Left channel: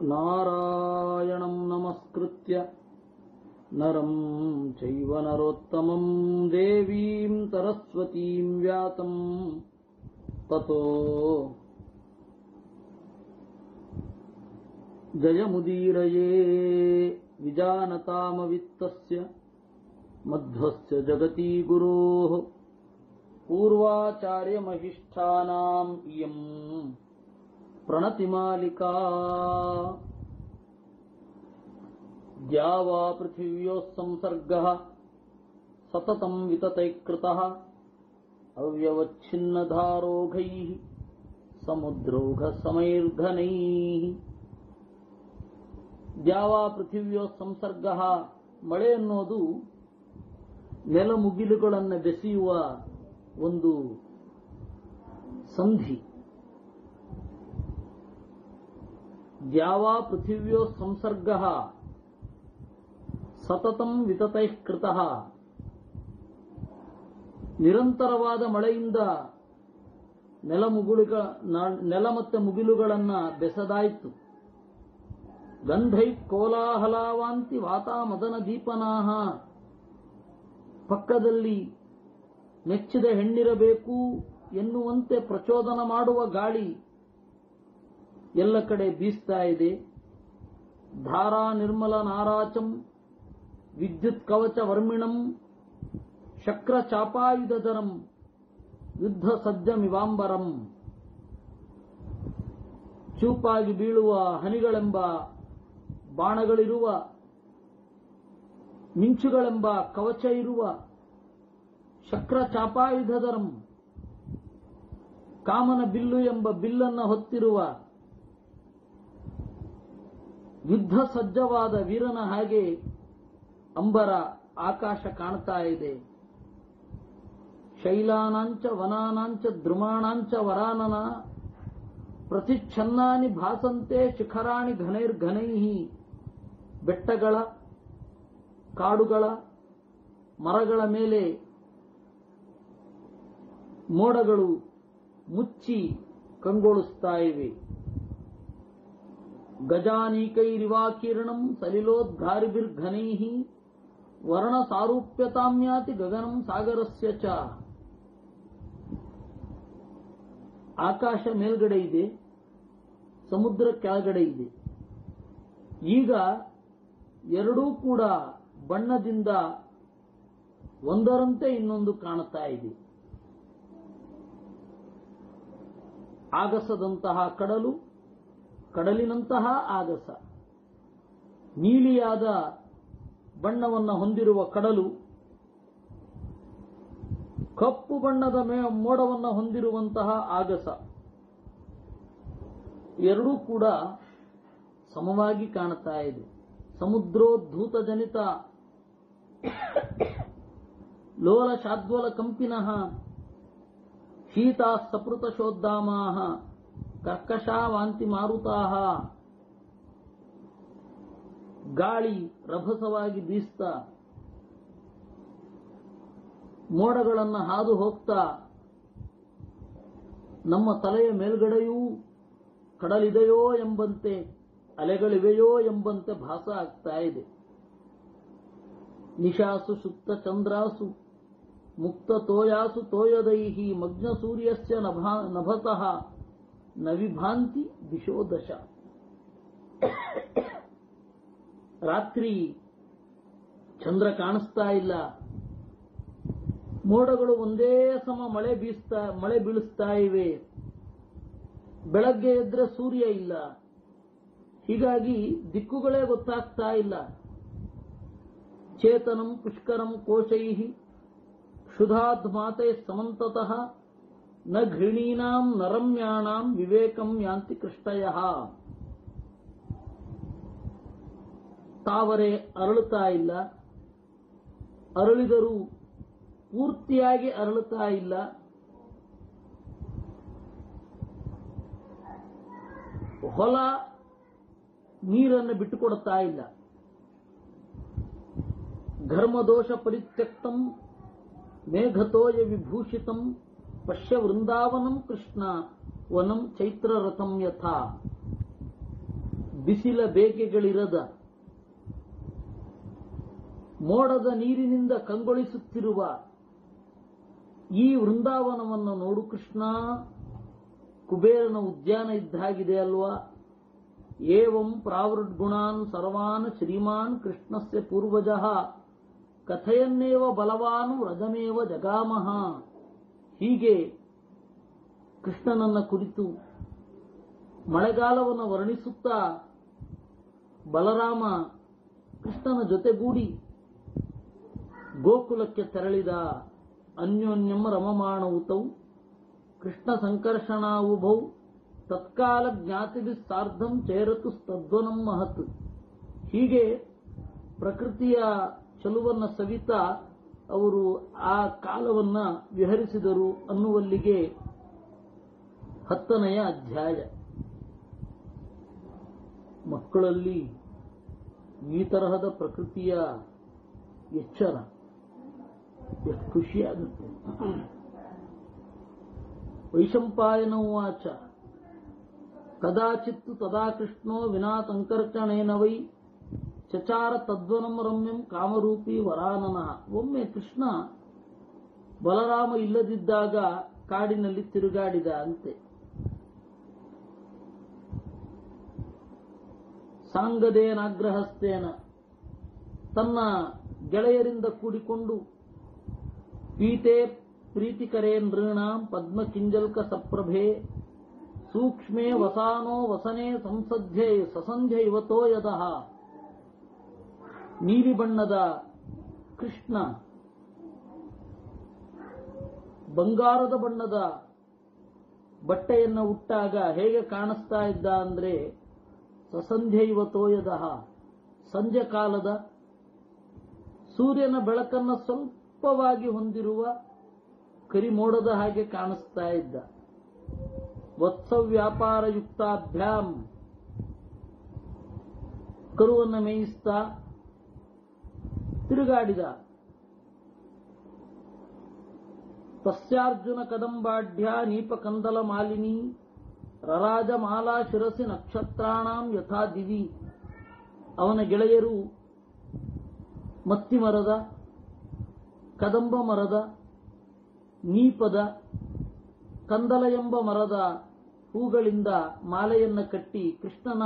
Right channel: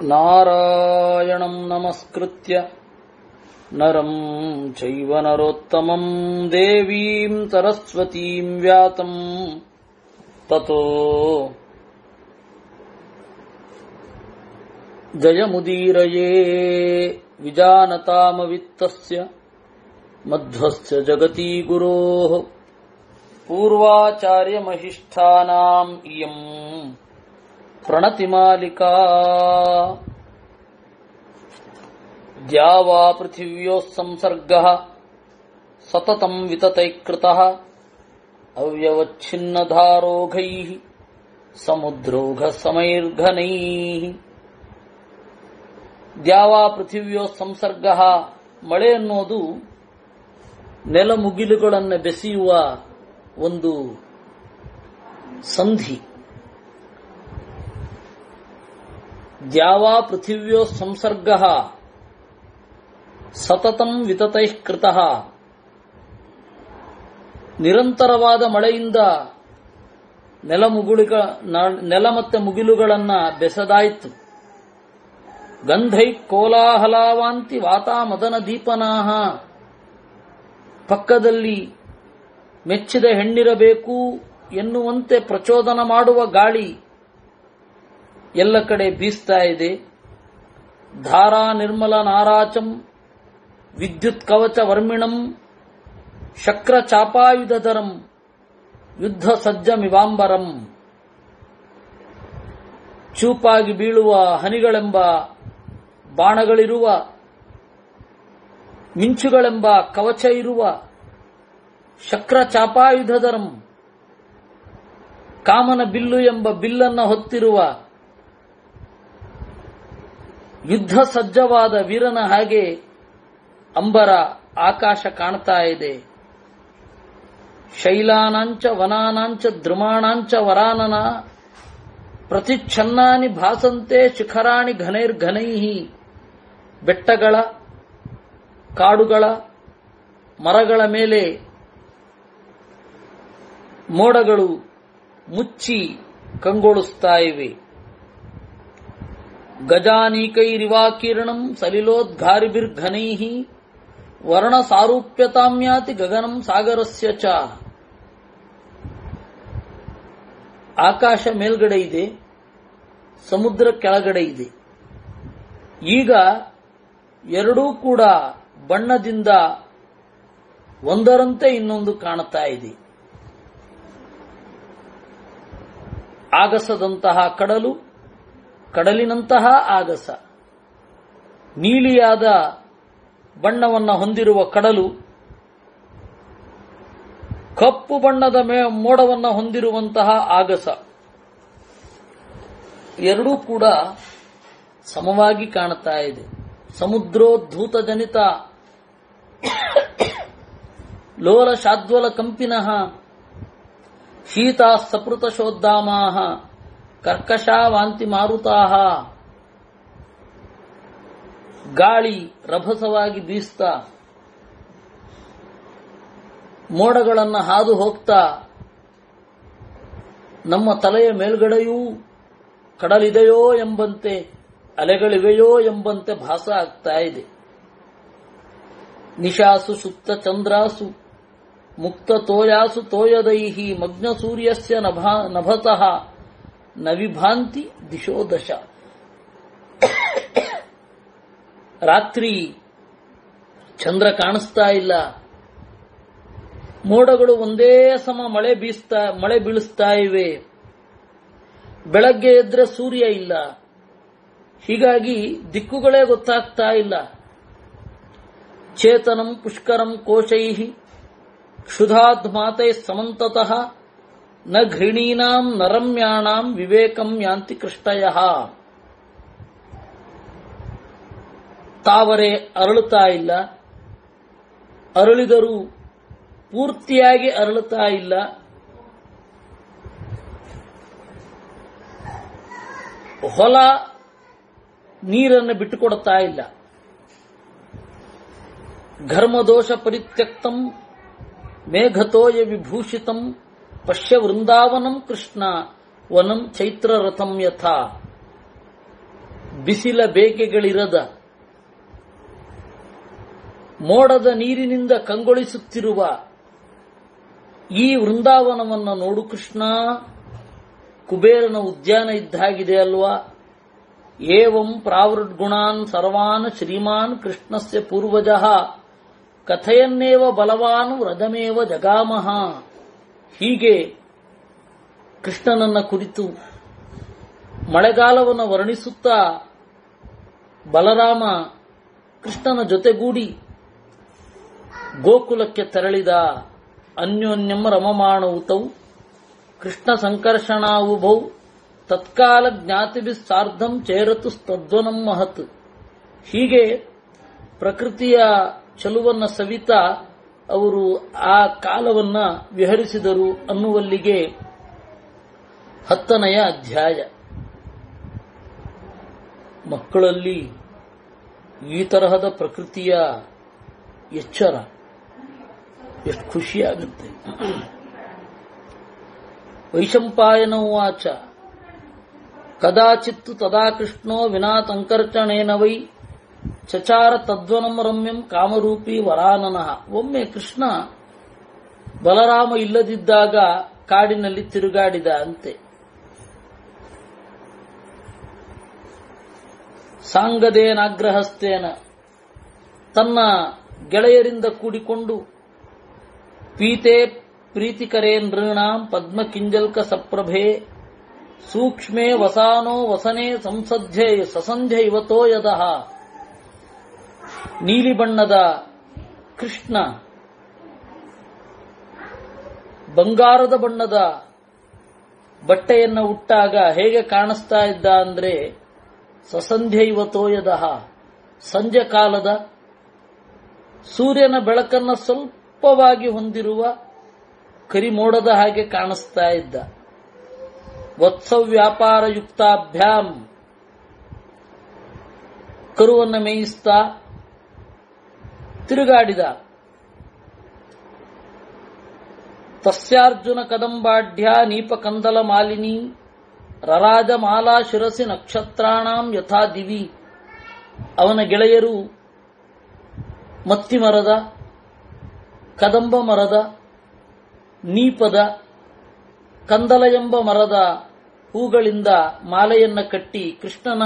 ನಾರಾಯಣಂ ನಮಸ್ಕೃತ್ಯ ನರಂ ಚೈವ ನರೋತ್ತಮಂ ದೇವೀಂ ಸರಸ್ವತೀಂ ವ್ಯಾತಂ ತತೋ ಜಯಮುದೀರಯೇ ವಿಜಾನತಾಮವಿತ್ತಸ್ಯ ಮಧ್ವಸ್ಯ ಜಗತಿ ಗುರೋಃ ಪೂರ್ವಾಚಾರ್ಯಮಹಿಷ್ಠಾನಾಂ ಇಯಂ ಪ್ರಣತಿಮಾಲಿಕಾ ದ್ಯಾವಾ ಪೃಥಿವ್ಯೋಃ ಸಂಸರ್ಗಃ ಸತತಂ ವಿತತೈಕೃತಃ ಅವ್ಯವಚ್ಛಿನ್ನಧಾರೋಘೈಃ ಸಮುದ್ರೋಘಸಮೈರ್ಘನೈಃ. ದ್ಯಾವಾ ಪೃಥಿವ್ಯೋಃ ಸಂಸರ್ಗಃ, ಮಳೆ ಅನ್ನೋದು ನೆಲಮುಗಿಲುಗಳನ್ನು ಬೆಸೆಯುವ ಒಂದು ಸಂಧಿ. ದ್ಯಾವಾ ಪೃಥಿವ್ಯೋ ಸಂಸರ್ಗಃ ಸತತಂ ವಿತತೈಃ ಕೃತಃ. ನಿರಂತರವಾದ ಮಳೆಯಿಂದ ನೆಲ ಮತ್ತೆ ಮುಗಿಲುಗಳನ್ನು ಬೆಸೆದಾಯಿತು. ಗಂಧೈ ಕೋಲಾಹಲಾವಾಂತಿ ವಾತಾ ಮದನ ದೀಪನಾಹ. ಪಕ್ಕದಲ್ಲಿ ಮೆಚ್ಚಿದ ಹೆಣ್ಣಿರಬೇಕು ಎನ್ನುವಂತೆ ಪ್ರಚೋದನ ಮಾಡುವ ಗಾಳಿ ಎಲ್ಲ ಕಡೆ ಬೀಸ್ತಾ ಇದೆ. ಧಾರಾ ನಿರ್ಮಲ ನಾರಾಚಂ ವಿದ್ಯುತ್ ಕವಚ ವರ್ಮಿಣಂ ಶಕ್ರ ಚಾಪಾಯುಧಧರಂ ಯುದ್ಧ ಸಜ್ಜಮಿವಾಂಬರಂ. ಚೂಪಾಗಿ ಬೀಳುವ ಹನಿಗಳೆಂಬ ಬಾಣಗಳಿರುವ, ಮಿಂಚುಗಳೆಂಬ ಕವಚ ಇರುವ, ಶಕ್ರ ಚಾಪಾಯುಧಧರಂ ಕಾಮನ ಬಿಲ್ಲು ಎಂಬ ಬಿಲ್ಲನ್ನು ಹೊತ್ತಿರುವ, ಯುದ್ಧ ಸಜ್ಜವಾದ ವೀರನ ಹಾಗೆ ಅಂಬರ ಆಕಾಶ ಕಾಣ್ತಾ ಇದೆ. ಶೈಲಾನಾಂಚ ವನಾನಾಂಚ ದ್ರುಮಾಣಾಂಚ ವರಾನನ ಪ್ರತಿಚ್ಛನ್ನಾನಿ ಭಾಸಂತೆ ಶಿಖರಾಣಿ ಘನೈರ್ಘನೈಹಿ. ಬೆಟ್ಟಗಳ, ಕಾಡುಗಳ, ಮರಗಳ ಮೇಲೆ ಮೋಡಗಳು ಮುಚ್ಚಿ ಕಂಗೊಳಿಸ್ತಾ ಇವೆ. ಗಜಾನೀಕೈರಿವಾಕೀರ್ಣಂ ಸಲಿಲೋದ್ಘಾರಿಭಿರ್ಘನೈಃ ವರ್ಣ ಸಾರೂಪ್ಯತಾಮ್ಯಾತಿ ಗಗನಂ ಸಾಗರಸ್ಯ ಚ. ಆಕಾಶ ಮೇಲ್ಗಡೆ ಇದೆ, ಸಮುದ್ರ ಕೆಳಗಡೆ ಇದೆ. ಈಗ ಎರಡೂ ಕೂಡ ಬಣ್ಣದಿಂದ ಒಂದರಂತೆ ಇನ್ನೊಂದು ಕಾಣುತ್ತಾ ಇದೆ. ಆಗಸದಂತಹ ಕಡಲು, ಕಡಲಿನಂತಹ ಆಗಸ. ನೀಲಿಯಾದ ಬಣ್ಣವನ್ನು ಹೊಂದಿರುವ ಕಡಲು, ಕಪ್ಪು ಬಣ್ಣದ ಮೋಡವನ್ನು ಹೊಂದಿರುವಂತಹ ಆಗಸ. ಎರಡೂ ಕೂಡ ಸಮವಾಗಿ ಕಾಣುತ್ತಾ ಇದೆ. ಸಮುದ್ರೋದ್ಧೂತ ಜನಿತ ಲೋಲ ಶಾದ್ವಲ ಕಂಪಿನಃ ಶೀತಾ ಸಪೃತ ಶೋದ್ದಾಮಾಹ ಕರ್ಕಶಾವಾಂತಿ ಮಾರುತಾಹ. ಗಾಳಿ ರಭಸವಾಗಿ ಬೀಸ್ತಾ ಮೋಡಗಳನ್ನು ಹಾದು ಹೋಗ್ತಾ ನಮ್ಮ ತಲೆಯ ಮೇಲ್ಗಡೆಯೂ ಕಡಲಿದೆಯೋ ಎಂಬಂತೆ, ಅಲೆಗಳಿವೆಯೋ ಎಂಬಂತೆ ಭಾಸ ಆಗ್ತಾ ಇದೆ. ನಿಶಾಸು ಸುಪ್ತ ಚಂದ್ರಾಸು ಮುಕ್ತ ತೋಯಾಸು ತೋಯದೈಹಿ ಮಗ್ನ ಸೂರ್ಯಸ್ಯ ನಭತಃ ನವಿಭಾಂತಿ ದಿಶೋ ದಶ. ರಾತ್ರಿ ಚಂದ್ರ ಕಾಣಿಸ್ತಾ ಇಲ್ಲ. ಮೋಡಗಳು ಒಂದೇ ಸಮ ಮಳೆ ಬೀಳಿಸ್ತಾ ಇವೆ. ಬೆಳಗ್ಗೆ ಎದ್ರೆ ಸೂರ್ಯ ಇಲ್ಲ. ಹೀಗಾಗಿ ದಿಕ್ಕುಗಳೇ ಗೊತ್ತಾಗ್ತಾ ಇಲ್ಲ. ಚೇತನಂ ಪುಷ್ಕರಂ ಕೋಶೈಃ ಕ್ಷುಧಾದ್ ಮಾತೈ ಸಮಂತತಃ ನ ಘೃಣೀನಾಂ ನರಮ್ಯಾಣಾಂ ವಿವೇಕಂ ಯಾಂತಿ ಕೃಷ್ಟಯಃ. ತಾವರೆ ಅರಳುತ್ತಾ ಇಲ್ಲ, ಅರಳಿದರೂ ಪೂರ್ತಿಯಾಗಿ ಅರಳುತ್ತಾ ಇಲ್ಲ. ಹೊಲ ನೀರನ್ನು ಬಿಟ್ಟುಕೊಡುತ್ತಾ ಇಲ್ಲ. ಘರ್ಮದೋಷ ಪರಿತ್ಯಕ್ತಂ ಮೇಘತೋಯ ವಿಭೂಷಿತಂ ಪಶ್ಯ ವೃಂದಾವನಂ ಕೃಷ್ಣ ವನಂ ಚೈತ್ರರಥಂ ಯಥಾ. ಬಿಸಿಲ ಬೇಗೆಗಳಿರದ ಮೋಡದ ನೀರಿನಿಂದ ಕಂಗೊಳಿಸುತ್ತಿರುವ ಈ ವೃಂದಾವನವನ್ನು ನೋಡು ಕೃಷ್ಣ. ಕುಬೇರನ ಉದ್ಯಾನ ಇದ್ದಾಗಿದೆ ಅಲ್ವಾ. ಏವಂ ಪ್ರಾವೃಡ್ಗುಣಾನ್ ಸರ್ವಾನ್ ಶ್ರೀಮಾನ್ ಕೃಷ್ಣಸ್ಯ ಪೂರ್ವಜಃ ಕಥೆಯನ್ನೇವ ಬಲವಾನ್ ವ್ರಜಮೇವ ಜಗಾಮಹ. ಹೀಗೆ ಕೃಷ್ಣನನ್ನ ಕುರಿತು ಮಳೆಗಾಲವನ್ನು ವರ್ಣಿಸುತ್ತಾ ಬಲರಾಮ ಕೃಷ್ಣನ ಜೊತೆಗೂಡಿ ಗೋಕುಲಕ್ಕೆ ತೆರಳಿದ. ಅನ್ಯೋನ್ಯಂ ರಮಮಾಣೌತೌ ಕೃಷ್ಣ ಸಂಕರ್ಷಣಾವುಭೌ ತತ್ಕಾಲ ಜ್ಞಾತಿಭಿಸ್ಸಾರ್ಧಂ ಚೇರತು ತದ್ವನಂ ಮಹತ್. ಹೀಗೆ ಪ್ರಕೃತಿಯ ಚಲುವನ್ನ ಸವಿತಾ ಅವರು ಆ ಕಾಲವನ್ನ ವಿಹರಿಸಿದರು ಅನ್ನುವಲ್ಲಿಗೆ 10ನೆಯ ಅಧ್ಯಾಯ. ಮಕ್ಕಳಲ್ಲಿ ಈ ತರಹದ ಪ್ರಕೃತಿಯ ಎಚ್ಚರ ಎಷ್ಟು ಖುಷಿಯಾಗುತ್ತೆ. ವೈಶಂಪಾಯನ ಉವಾಚ ಕದಾಚಿತ್ತು ತದಾ ಕೃಷ್ಣೋ ವಿನಾ ತಂಕರ್ಚಣೇನ ವೈ ಚಚಾರ ತದ್ವನಂ ರಮ್ಯಂ ಕಾಮರೂಪಿ ವರಾನನಃ. ಒಮ್ಮೆ ಕೃಷ್ಣ ಬಲರಾಮ ಇಲ್ಲದಿದ್ದಾಗ ಕಾಡಿನಲ್ಲಿ ತಿರುಗಾಡಿದ ಅಂತೆ. ಸಾಂಗದೇನಾಗ್ರಹಸ್ತೇನ ತನ್ನ ಗೆಳೆಯರಿಂದ ಕೂಡಿಕೊಂಡು ಪೀತೆ ಪ್ರೀತಿಕರೇ ನೃಣಾಂ ಪದ್ಮಕಿಂಜಲ್ಕ ಸಪ್ರಭೆ ಸೂಕ್ಷ್ಮೇ ವಸಾನೋ ವಸನೆ ಸಂಸಧ್ಯೆ ಸಸಂಧ್ಯ ಇವತೋ ಯದಃ. ನೀಲಿ ಬಣ್ಣದ ಕೃಷ್ಣ ಬಂಗಾರದ ಬಣ್ಣದ ಬಟ್ಟೆಯನ್ನು ಉಟ್ಟಾಗ ಹೇಗೆ ಕಾಣಿಸ್ತಾ ಇದ್ದ ಅಂದ್ರೆ ಸಸಂಧ್ಯ ಇವತೋ ಯದಃ, ಸಂಜೆ ಕಾಲದ ಸೂರ್ಯನ ಬೆಳಕನ್ನು ಸ್ವಲ್ಪವಾಗಿ ಹೊಂದಿರುವ ಕರಿಮೋಡದ ಹಾಗೆ ಕಾಣಿಸ್ತಾ ಇದ್ದ. ವತ್ಸವ್ಯಾಪಾರ ಯುಕ್ತಾಭ್ಯಾಂ ಕರುವನ್ನು ಮೇಯಿಸ್ತಾ ತಿರುಗಾಡಿದ. ತಸ್ಯಾರ್ಜುನ ಕದಂಬಾಢ್ಯ ನೀಪಕಂದಲ ಮಾಲಿನಿ ರರಾಜ ಮಾಲಾ ಶಿರಸಿ ನಕ್ಷತ್ರಾಣಾಂ ಯಥಾ ದಿವಿ. ಅವನ ಗೆಳೆಯರು ಮತ್ತಿ ಮರದ, ಕದಂಬ ಮರದ, ನೀಪದ, ಕಂದಲ ಎಂಬ ಮರದ ಹೂಗಳಿಂದ ಮಾಲೆಯನ್ನ ಕಟ್ಟಿ ಕೃಷ್ಣನ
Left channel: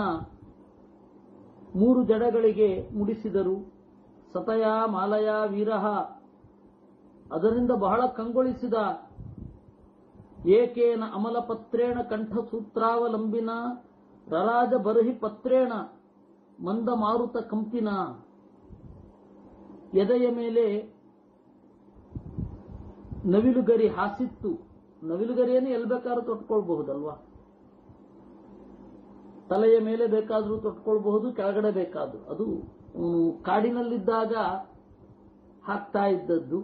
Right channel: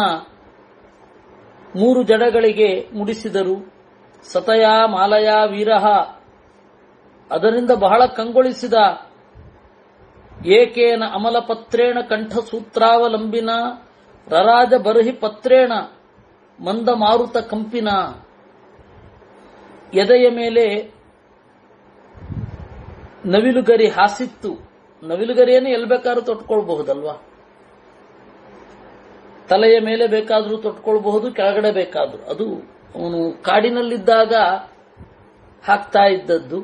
3 ಜಡಗಳಿಗೆ ಮುಡಿಸಿದರು. ಸತಯಾ ಮಾಲಯಾ ವೀರಃ, ಅದರಿಂದ ಬಹಳ ಕಂಗೊಳಿಸಿದ. ಏಕೇನ ಅಮಲಪತ್ರೇಣ ಕಂಠಸೂತ್ರಾವಲಂಬಿನ ರರಾಜ ಬರ್ಹಿ ಪತ್ರೇಣ ಮಂದ ಮಾರುತ ಕಂಪಿನ. ಎದೆಯ ಮೇಲೆ ನವಿಲುಗರಿ ಹಾಸಿತ್ತು. ನವಿಲುಗರಿಯನ್ನು ಎಲ್ಲಿ ಬೇಕಾದ್ರೂ ತೊಟ್ಕೊಳ್ಬಹುದಲ್ವಾ. ತಲೆಯ ಮೇಲೆ ಬೇಕಾದರೂ ತೊಟ್ಕೊಳ್ಬಹುದು, ಕೆಳಗಡೆ ಬೇಕಾದ್ರೂ. ಅದು ಅವನು ಕಾಡಿನಲ್ಲಿದ್ದಾಗ ಹಾಕ್ತಾ ಇದ್ದದ್ದು.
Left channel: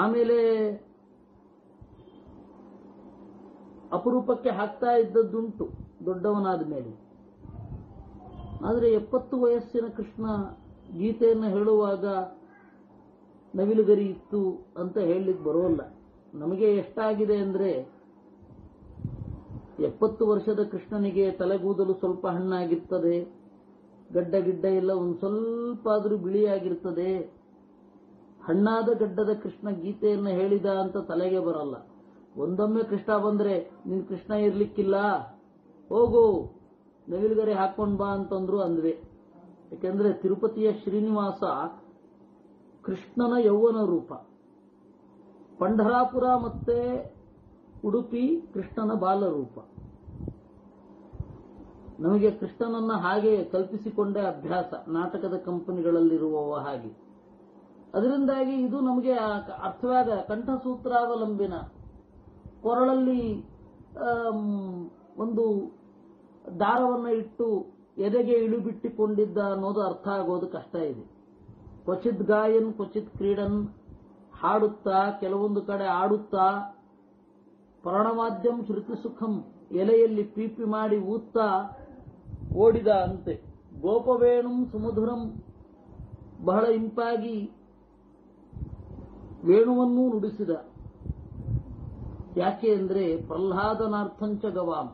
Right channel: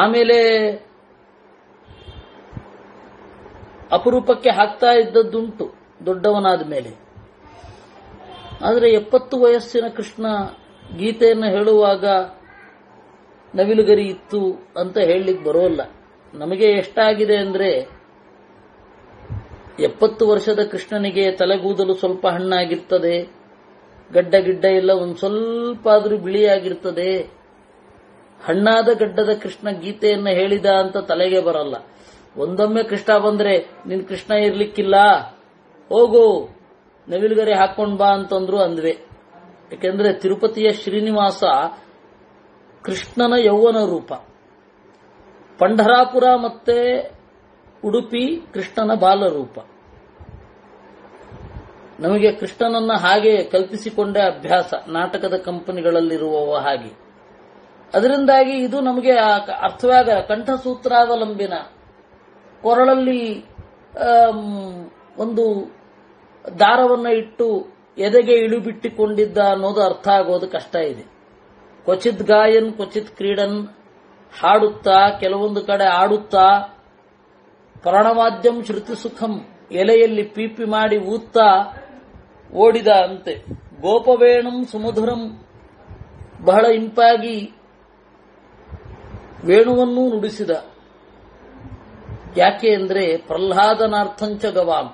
ಆಮೇಲೆ ಅಪರೂಪಕ್ಕೆ ಹಾಕ್ತಾ ಇದ್ದದ್ದುಂಟು ದೊಡ್ಡವನಾದ ಮೇಲೆ. ಆದರೆ 70 ವಯಸ್ಸಿನ ಕೃಷ್ಣ ಗೀತೆಯನ್ನು ಹೇಳುವಾಗ ನವಿಲುಗರಿ ಇತ್ತು ಅಂತ ಹೇಳಲಿಕ್ಕೆ ಬರೋಲ್ಲ. ನಮಗೆ ಎಷ್ಟಾಗಿದೆ ಅಂದ್ರೆ 70 ವರ್ಷದ ಕೃಷ್ಣನಿಗೆ ತಲೆಗೂದಲು ಸ್ವಲ್ಪ ಹಣ್ಣಾಗಿರ್ತದೆ, ಗಡ್ಡ ಗಿಡ್ಡ ಎಲ್ಲ ಒಂದು ಸ್ವಲ್ಪ ಆದ್ರೂ ಬಿಳಿಯಾಗಿರ್ತದೆ. ಹಣ್ಣಾದ ಗಡ್ಡದ ಕೃಷ್ಣ ಗೀತೆಯನ್ನು ಹೇಳಿದ ಅಂತ ತಲೆಗೆ ಬರಲ್ಲ. ಒಂದೊಮ್ಮೆ ಕೃಷ್ಣ ಬಂದ್ರೆ ನಿನ್ ಕೃಷ್ಣ ಇರ್ಲಿಕ್ಕಿಲ್ಲ, ಹೋಗು ನವಿಲುಗರಿ ಹಾಕೊಂಡ್ ಬಾ ಅಂತಂದ್ರು ಅಂದ್ವೆ. ಯಾಕೆಂದ್ರೆ ತಿರುಪತಿಯ ಶ್ರೀನಿವಾಸ ಕೃಷ್ಣನ ಯೌವನ ರೂಪ, ಪಂಢರಾಪುರ ಮತ್ತೆ ಉಡುಪಿ ಕೃಷ್ಣನ ಬಾಲರೂಪ. ನಮಗೆ ಕೃಷ್ಣನನ್ನ ಹಾಗೆ ಕಲ್ಪಿಸಿಕೊಂಡೇ ಅಭ್ಯಾಸ, ನಾಟಕದ ಕಂಪನಿಗಳಲ್ಲಿರುವವ ಹಾಗೆ. ಅದರಿಂದಾಗಿ ಇದು ನಮಗೆ ಅರ್ಥವಾಗ ಕಂಠಸೂತ್ರಾವಲಂಬಿನ, ಕೊರಳಲ್ಲಿ ಒಂದು ದಾರವನ್ನ ಇಟ್ಟು ಎದೆಗೆ ಇಳುಬಿಟ್ಟಿಕೊಂಡಿದ್ದ ಅನ್ನೋದು ಅರ್ಥ ಆಗೋದು ಕಷ್ಟ ಇದೆ. ಕ್ವಚಿತ್ ಗಾಯನ್ ಕ್ವಚಿತ್ ಕ್ರೀಡನ್, ಹಾಡುತ್ತಾ ಕೆಲವೊಂದು ಕಡೆ ಆಡುತ್ತಾ, ಪ್ರಾಣವಾದ್ಯಂ ಶ್ರುತಿ ಸುಖಂ, ಎಲೆಯಲ್ಲಿ ಪೀಪಿ ಮಾಡಿ ಊತ್ತಾ ಓಡಿದ ಅಂತೆ. ಗೋಪವೇಣಂ ಸುಮಧುರಂ, ಬಹಳ ಇಂಪಾಗಿ ವೇಣುವನ್ನೂ ನುಡಿಸಿದ. ಯಾಕೆ ಅಂದ್ರೆ ಪ್ರಹ್ಲಾದನಾರ್ಥಂಚ ಗವಾಂ,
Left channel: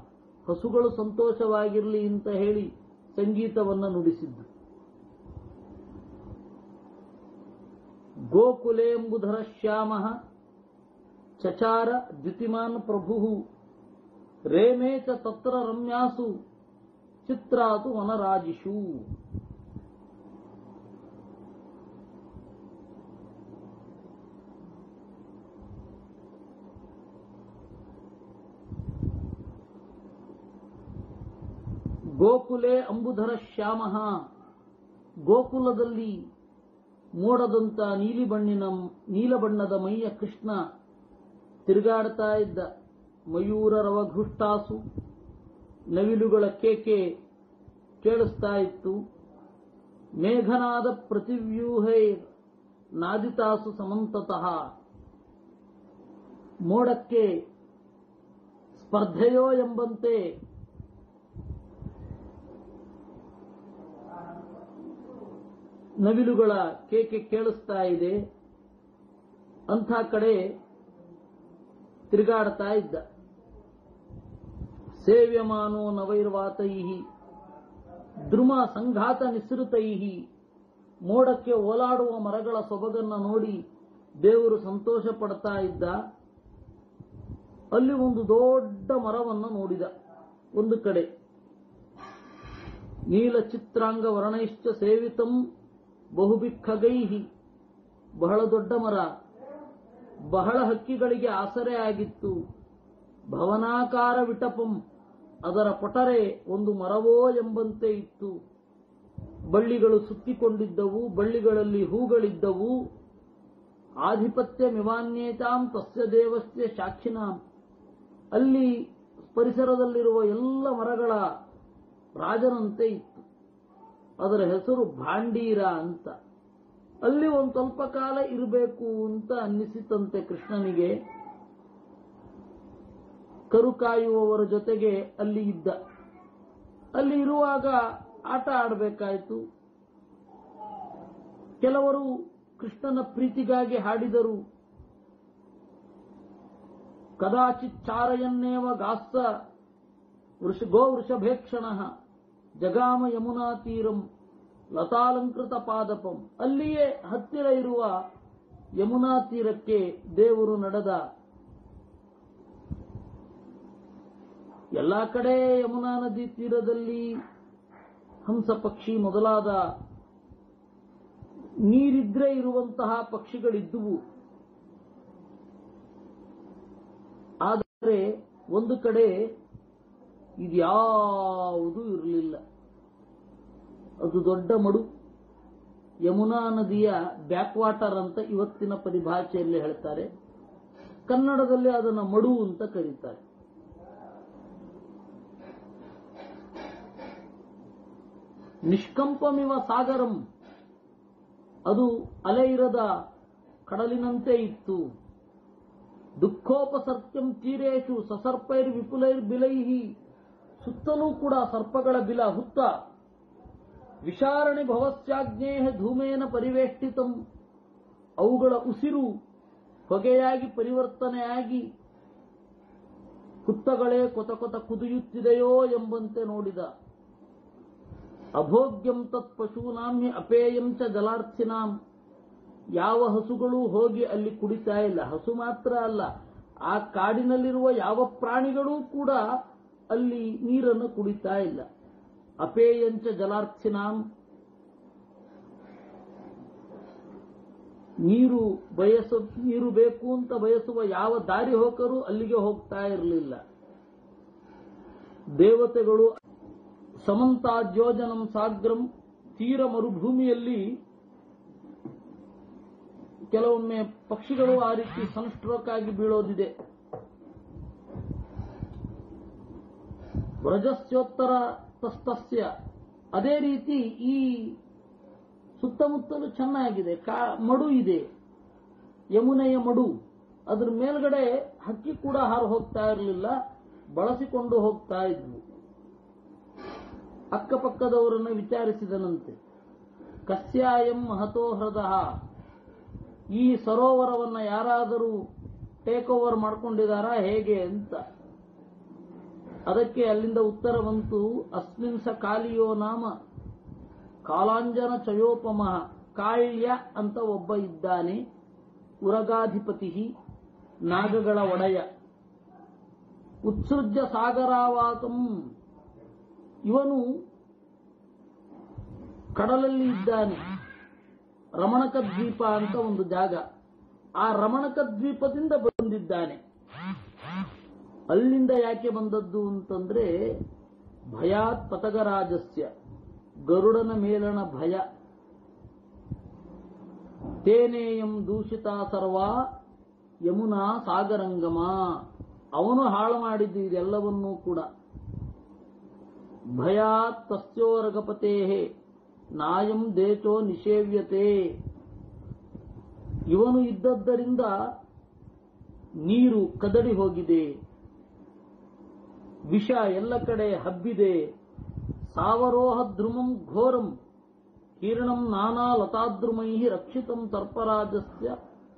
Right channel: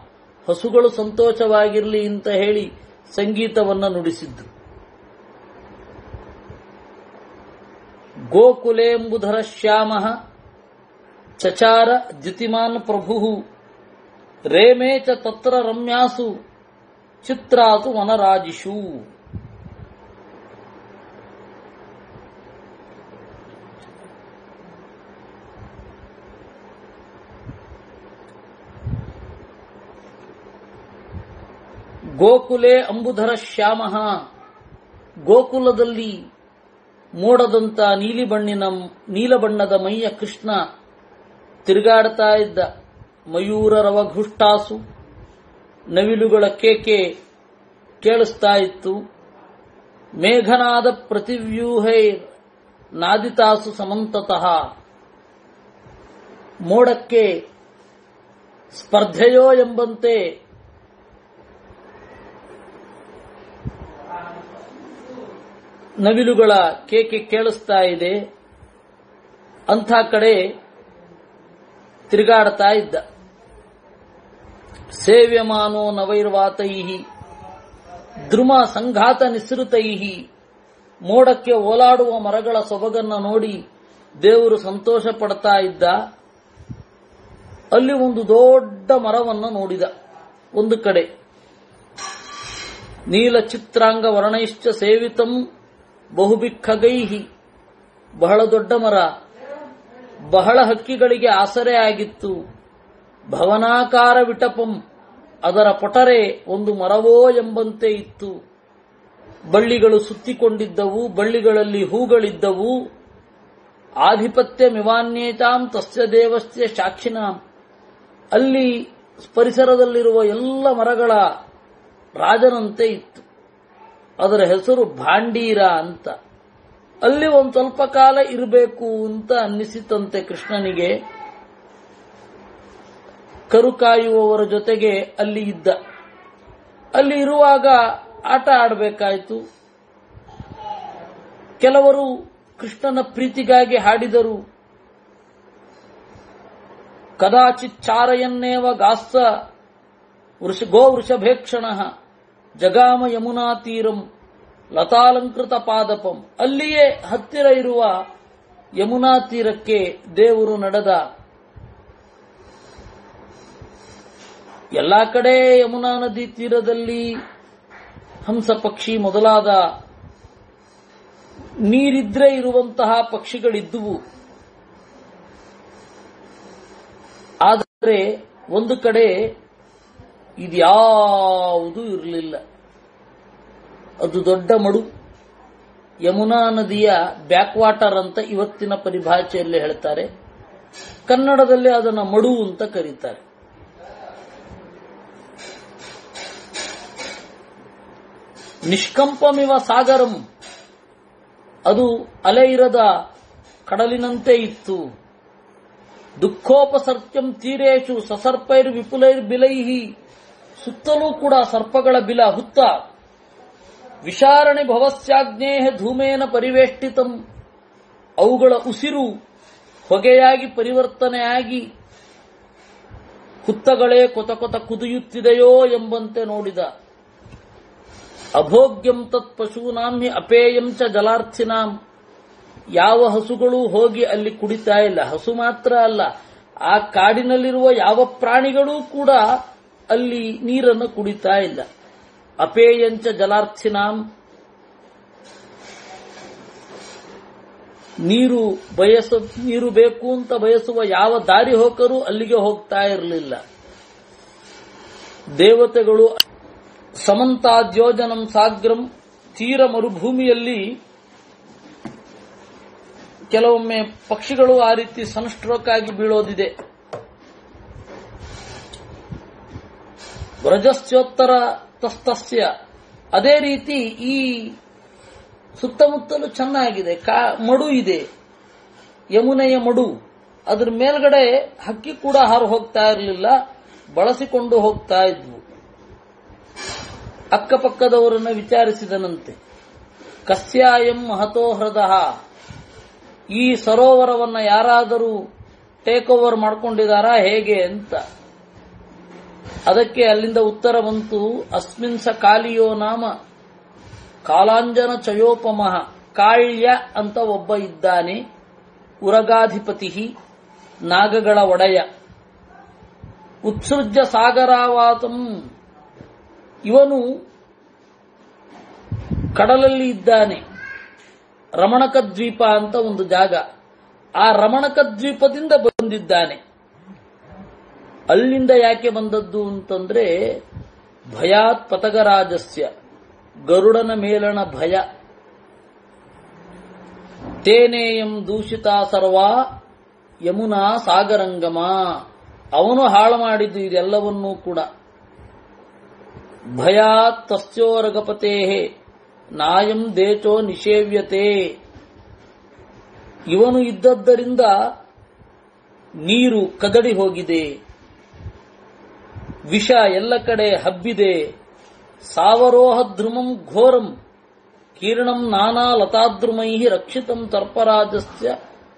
ಹಸುಗಳು ಸಂತೋಷವಾಗಿರಲಿ ಅಂತ ಹೇಳಿ ಸಂಗೀತವನ್ನು ನುಡಿಸಿದ್ರು. ಗೋಕುಲೇಂಬುಧರ ಶ್ಯಾಮ ಚಚಾರ ದ್ಯುತಿಮಾನ್ ಪ್ರಭು ರೇಮೇ ಚ ತತ್ರ ರಮ್ಯಾಸು ಚಿತ್ರಾತು ವನರಾಜಿಷು. ಗೋಕುಲೆ ಅಂಬುಧರ ಶ್ಯಾಮ, ಗೋಕುಲದಲ್ಲಿ ಮೋಡದಂತ ನೀಲಬಣ್ಣದ ಮೈಯ ಕೃಷ್ಣ ತಿರುಗಾಡ್ತಾ ಇದ್ದ. ಮಯೂರ ರವಘುಷ್ಟಾಸು, ನವಿಲುಗಳ ಕೇಕೆ ಕೇಳಿಸ್ತಾ ಇತ್ತು. ಮೇಘನಾದ ಪ್ರತಿವ್ಯೂಹೈ ನಾದಿತಾಸು ಸಮಂತತಃ, ಮೋಡಕ್ಕೆ ಸ್ಪರ್ಧೆಯೋ ಎಂಬಂತೆ ನವಿಲುಗಳ ಕೇಕೆ ಕೇಳಿಸ್ತಾ ಇದೆ. ಅಂಥ ಕಡೆ ತಿರುಗಾಡ್ತಾ ಇದ್ದ. ಸೇವ್ಯಮಾನೋ ನವೈರ್ವಾತೈಹಿ ದ್ರುಮ ಸಂಘಾತ ನಿಸೃತೈಹಿ, ಮೋಡಕ್ಕೆ ಓಲಾಡುವ ಮರಗಳ ಸೊಬಗನ್ನ ನೋಡಿ ದೇವರು ಸಂತೋಷ ಪಡ್ತಾ ಇದ್ದ. ಅಲ್ಲಿ ಒಂದು ದೊಡ್ಡ ಮರವನ್ನು ನೋಡಿದ. ಒಂದು ಕಡೆ ನೀಲ ಚಿತ್ರಾಂಗ ವರ್ಣೈಶ್ಚ ಸೇವಿತಂ ಬಹುಬಿಖಗೈಹಿ, ಬಹಳ ದೊಡ್ಡ ಮರ, ಬಹಳ ಹಕ್ಕಿಗಳಿಗೆ ಆಸರೆ ಆಗಿತ್ತು. ಭವನಾಕಾರ ವಿಟಪಂ, ಅದರ ಪೊಟರೆ ಒಂದು ಮರವೋ ಎಂಬಂತೆ ಇತ್ತು. ಬಳ್ಳಿಗಳು ಸುತ್ತಿಕೊಂಡಿದ್ದವು, ಬಳ್ಳಿಗಳಲ್ಲಿ ಹೂಗಳಿದ್ದವು. ಆಧಿಪತ್ಯ ಮಿವಾನ್ಯೇತಾಂ ತಸ್ಯ ದೇವಸ್ಯ ಸಾಕ್ಷಿನಾಂ, ಅಲ್ಲಿ ಪರಿಸರದಲ್ಲಿರುವ ಎಲ್ಲ ಮರಗಳ ರಾಜನಂತೆ ಇತ್ತು. ಅದರ ಹೆಸರು ಭಾಂಡೀರ ಅಂತ. ಅಲ್ಲಿ ಒಂದು ಸ್ವಲ್ಪ ಕಾಲ ಇರಬೇಕು ಅಂತ ಅನ್ನಿಸಿತಂತೆ ಕೃಷ್ಣನಿಗೆ. ಕರು ಕಾಯುವವರ ಜೊತೆಗೆ ಅಲ್ಲಿ ಇದ್ದ. ಅಲ್ಲಿ ಇರುವಾಗ ಆಟ ಆಡಬೇಕಾಯಿತು. ಕೆಲವರು ಕೃಷ್ಣನ ಪ್ರೀತಿಗಾಗಿ ಹಾಡಿದರು. ಕದಾಚಿತ್ ಚಾರಯನ್ನೇವ ಗಾಸ್ಸ ಗೋ ವೃಷಭೇಕ್ಷಣ ಜಗಾಮ ಯಮುನಾ ತೀರಂ ಲತಾಲಂಕೃತ ಪಾದಪಂ, ಅಲ್ಲಿಯೇ ಹತ್ತಿರ ಇರುವ ಯಮುನಾ ತೀರಕ್ಕೆ ದೇವರು ನಡೆದ. ಎಲ್ಲಾ ಕಡೆ ಯಮುನಾ ನದಿ ತೀರದಲ್ಲಿ ಹಂಸ ಪಕ್ಷಿ ಮೊದಲಾದ ನೀರಿದ್ರೆ ಇರುವಂತಹ ಪಕ್ಷಿಗಳಿದ್ದುವು. ಆದರೆ ಒಂದು ಕಡೆ ಇದ್ಯಾವುದೂ ಇರಲಿಲ್ಲ. ಅದು ದೊಡ್ಡ ಮಡು, ಯಮುನಾ ನದಿಯ ಬ್ಯಾಕ್ ವಾಟರ್ ಅಂತ ಇವತ್ತಿನ ಪರಿಭಾಷೆಯಲ್ಲಿ ಹೇಳ್ತಾರೆ. ಕನ್ನಡದಲ್ಲಿ ಅದನ್ನು ಮಡು ಅಂತ ಕರೀತಾರೆ. ನಿಷ್ಕಂಪಮಿವ ಸಾಗರಂ, ಅದು ಅಲೆ ಇರದ ಕಡಲಿನಂತೆ ಇತ್ತು. ದುಃಖೋಪಸರ್ಕ್ಯಂ ತೀರೇಶು ಸಸರ್ಪೈರ್ ವಿಪುಲೈರ್ ಬಿಲೈಹಿ, ಸುತ್ತಲೂ ಕೂಡ ಸರ್ಪಗಳ ಬಿಲ ಹುತ್ತ. ವಿಶಾರಣಿ ಭವಸ್ಯಾಗ್ನೇಹ ಧೂಮೇನ ಪರಿವೇಷ್ಟಿತಂ, ಅವುಗಳ ಉಸಿರು ಹೊಗೆಯಾಗಿ ಪರಿವರ್ತನೆಯಾಗಿ ಹುತ್ತಗಳೇ ಕೊತ ಕೊತ ಕುದಿಯುತ್ತಿದೆಯೋ ಎಂಬಂತೆ ನೋಡಿದ. ಅಭೋಗ್ಯಂ ತತ್ ಪಶೂನಾಂ ಹಿ ಅಪೇಯಂ ಚ ಜಲಾರ್ಥಿನಾಂ, ಯಾವ ಹಸುಗಳು ಹೋಗಿ ಅಲ್ಲಿ ಕುಡಿತಾ ಇಲ್ಲ. ಹಸು ಮಾತ್ರ ಅಲ್ಲ, ಆ ಕಾಡಿನಲ್ಲಿರುವ ಯಾವ ಪ್ರಾಣಿಗಳೂ ಕೂಡ ಅಲ್ಲಿ ನೀರನ್ನು ಕುಡಿತಾ ಇಲ್ಲ. ಅಪೇಯಂಚ ಜಲಾರ್ಥಿನಾಂ, ನೀರು ಬೇಕು ಅಂತ ಬಯಸುವ ಯಾವ ದಾರಿ ಹೋಕರು ಅಲ್ಲಿಗೆ ಹೋಗ್ತಾ ಇರಲಿಲ್ಲ. ದೇವತೆಗಳು ಸಮಂತಾದ್ಯೋಜನಂ ಸಾಗ್ರಂ, ತೀರ ಮರುಭೂಮಿಯಲ್ಲಿ ಕೆಲವೊಮ್ಮೆ ಪಕ್ಷಿಗಳು ಆ ರೀತಿ ಸನ್ಸ್ಟ್ರೋಕ್ ಆಗಿ ಬೀಳೋದಿದೆ. ವ್ರಜಸ್ಯೋತ್ತರ ತಸ್ತಸ್ಯ, ಅದೇ ರೀತಿ ಈ ಸುತ್ತಮುತ್ತಲು ಚೆನ್ನಾಗಿದೆ, ಮಡು ಇದೆ, ಯಮುನೆಯ ಮಡು. ಅದರ ಮೇಲ್ಗಡೆ ಹಕ್ಕಿ ಕೂಡ ಹಾರು ಹೋಗ್ತಾ ಇರಲಿಲ್ಲ, ಬಳಸಿಕೊಂಡು ಹೋಗ್ತಾ ಇದ್ವು. ಅಕ್ಕಪಕ್ಕದವರನ್ನು ವಿಚಾರಿಸಿದನಂತೆ, ಕಸ್ಯಾಯಂ ಮಹತೋ ಹೃದಯ, ಈ ಸರೋವರವನ್ನು ಯಾರಾದರೂ ಟೇಕ್ ಓವರ್ ಮಾಡಿಕೊಂಡಿದ್ದಾರಾ ಹೇಗೆ ಅಂತ. ಅದಕ್ಕೆ ಅಲ್ಲಿಂದ ಉತ್ತರ ಬಂತು, ಅಸ್ಮಿನ್ ಸ ಕಾಲಿಯೋ ನಾಮ ಕಾಲಾಂಜನ ಚಯೋಪಮಃ. ಕಾಳ್ಯ ಅಂತ ಒಬ್ಬ ಇದ್ದಾನೆ, ಉರಗಾಧಿಪತಿ, ನಾಗಗಳ ಒಡೆಯ. ಉತ್ಸೃಜ್ಯ ಸಾಗರಾವಾತಂ, ಇವನು ಕಡಲಲ್ಲಿ ಇದ್ದಾನೆ. ರಮಣಕ ದ್ವೀಪ ಅಂತ ಒಂದು ಜಾಗ, ಆ ರಮಣಕ ದ್ವೀಪದಿಂದ ಬಂದಿದ್ದಾನೆ. ಅಲ್ಲಿಂದ ಯಾಕೆ ಬಂದದ್ದು ಅಂತಂದ್ರೆ, ಭಯಾತ್ ಪತಗರಾಜಸ್ಯ, ಗರುಡನ ಮೇಲಣ ಭಯ. ತೇನೇಯಂ ದೂಷಿತಾ ಸರ್ವಾ ಯಮುನಾ ಸಾಗರಂಗಮ, ಅವನು ಹಾಳು ಮಾಡಿದ್ದು ಇದೆಲ್ಲವನ್ನೂ ಕೂಡ. ಭಯಾತ್ ತಸ್ಯೋರಗಪತೇ ನಾಯಂ ದೇಚೋ ನಿಷೇವ್ಯತೆ, ಇವನು ಇದ್ದದ್ದರಿಂದ ನೀರು ಕದಡಿ ಹೋಗಿದೆ, ವಿಷ ಎಲ್ಲ ಕಡೆ ಹಬ್ಬಿದೆ. ಸಾವರೋಹ ಧ್ರುಮಂ ಘೋರಂ ಕೀರ್ಣಂ ನಾನಾ ಲತಾದ್ರುಮೈ ರಕ್ಷಿತಂ ತರ್ಪರಾಜಸ್ಯ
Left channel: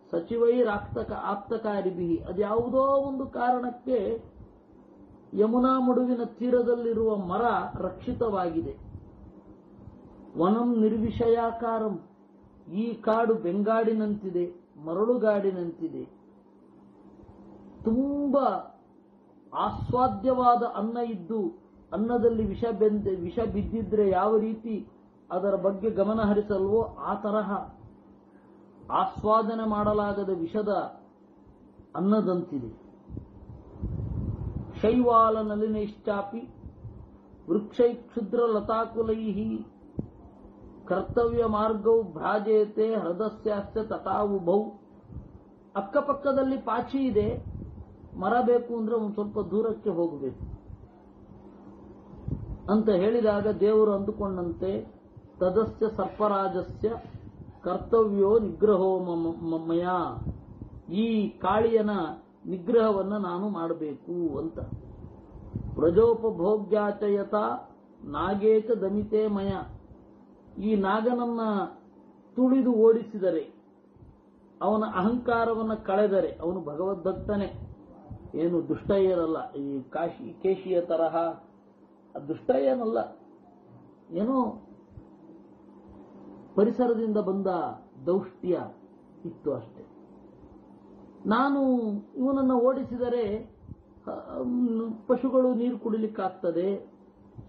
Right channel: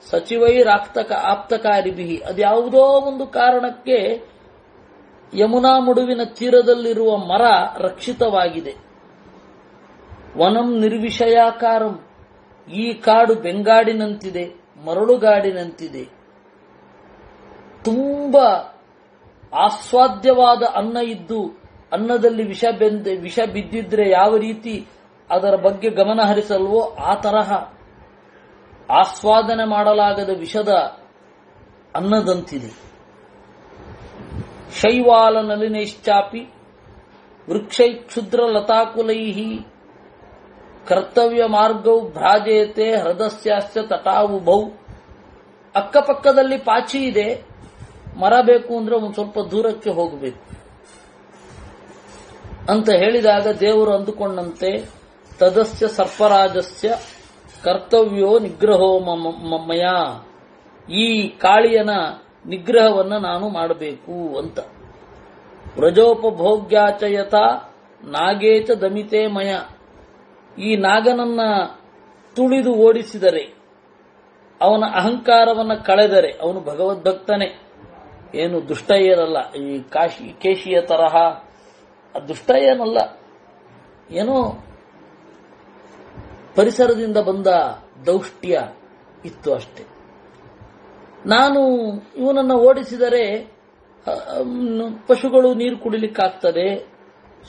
ಸಚಿವೈರಾಕ್ತಕ ಆಪ್ತಕಾರಿಭಿ. ಅದ್ಯಾವುದೋ ಒಂದು ಕಾರಣಕ್ಕೆ ಯಮುನಾ ಮುಡುವಿನ ತೀರದಲ್ಲಿರುವ ಮರ ರಕ್ಷಿತವಾಗಿದೆ. ವನಂ ನಿರ್ವಿಷಯಾಕಾರಂ, ಈ ಕಾಡು ಬೆಂಗಾಡಿನಂತಿದೆ, ಮರಳುಗಾಡಿನಂತಿದೆ. ತುಂಬಾ ಆಸ್ವಾದ್ಯವಾದ ಅನ್ನ ಇದ್ದು ಅನ್ನದಲ್ಲಿ ವಿಷ ಬಿದ್ದಿದ್ರೆ ಯಾವ ರೀತಿ ಅದರ ಬಗ್ಗೆ ಗಮನ ಹರಿಸಲ್ವೋ ಆ ತರಹ ಆಸ್ವಾದನೆ ಮಾಡಲಾಗದ ವಿಷದ ಅನ್ನದಂತಿದೆ. ಶೈವಾಲ ನಲಿನೈಶ್ಚಾಪಿ ವೃಕ್ಷೈ ಕ್ಷುದ್ರ ಲತಾಕುಲೈ ಕರ್ತವ್ಯ ಮಾರ್ಗೌ ಭ್ರಾಜೇತೆ ಹೃದಸ್ಯಾಸ್ಯ ತಟಾವುಭೌ. ಅಕ್ಕಪಕ್ಕದಲ್ಲಿ ಪಾಚಿ ಇದೆ, ಮರ ಬೇಕು ಅಂದ್ರೆ ಒಂದು ಸ್ವಲ್ಪ ದೂರಕ್ಕೆ ಹೋಗಬೇಕು ಅಂತ ಹೇಳಿದಾಗ ದೇವರು ಅಂದುಕೊಂಡಂತೆ, ತದಸ್ಯ ಸರ್ಪರಾಜಸ್ಯ ಕರ್ತವ್ಯೋ ನಿಗ್ರಹೋ ಮಯ, ಈ ಕಾಳಿಯನ ನಿಗ್ರಹವನ್ನ ನಾನು ಮಾಡಬೇಕು ಅಂತ. ವ್ರಜೋಪಭೋಗ್ಯಾಚಯತ ನಾಗೇಚ ದಮಿತೆ ಮಯ, ಈ ನಾಗನನ್ನ ತುಳಿದು ಓಡಿಸಿದರೆ, ಅವನ ಅಹಂಕಾರವನ್ನ ಕಳೆದರೆ, ಅವನು ಭಗವದ್ಭಕ್ತನೇ, ಏನು ದುಷ್ಟ ಏನಲ್ಲ. ಈ ಕೇಶಿಯ ತರಹ ದುಷ್ಟ ಏನಲ್ಲ, ಏನೋ ಪರಿಸರದಿಂದ ಬಂದ ದೌಷ್ಟ್ಯ ಇತ್ತು ಅಷ್ಟೆ. ನಾನು ಇವನನ್ನು ಓಡಿಸಿದರೆ ಪಶುಗಳು ನೀರು ಕುಡಿಲಿಕ್ಕಾಗ್ತದೆ,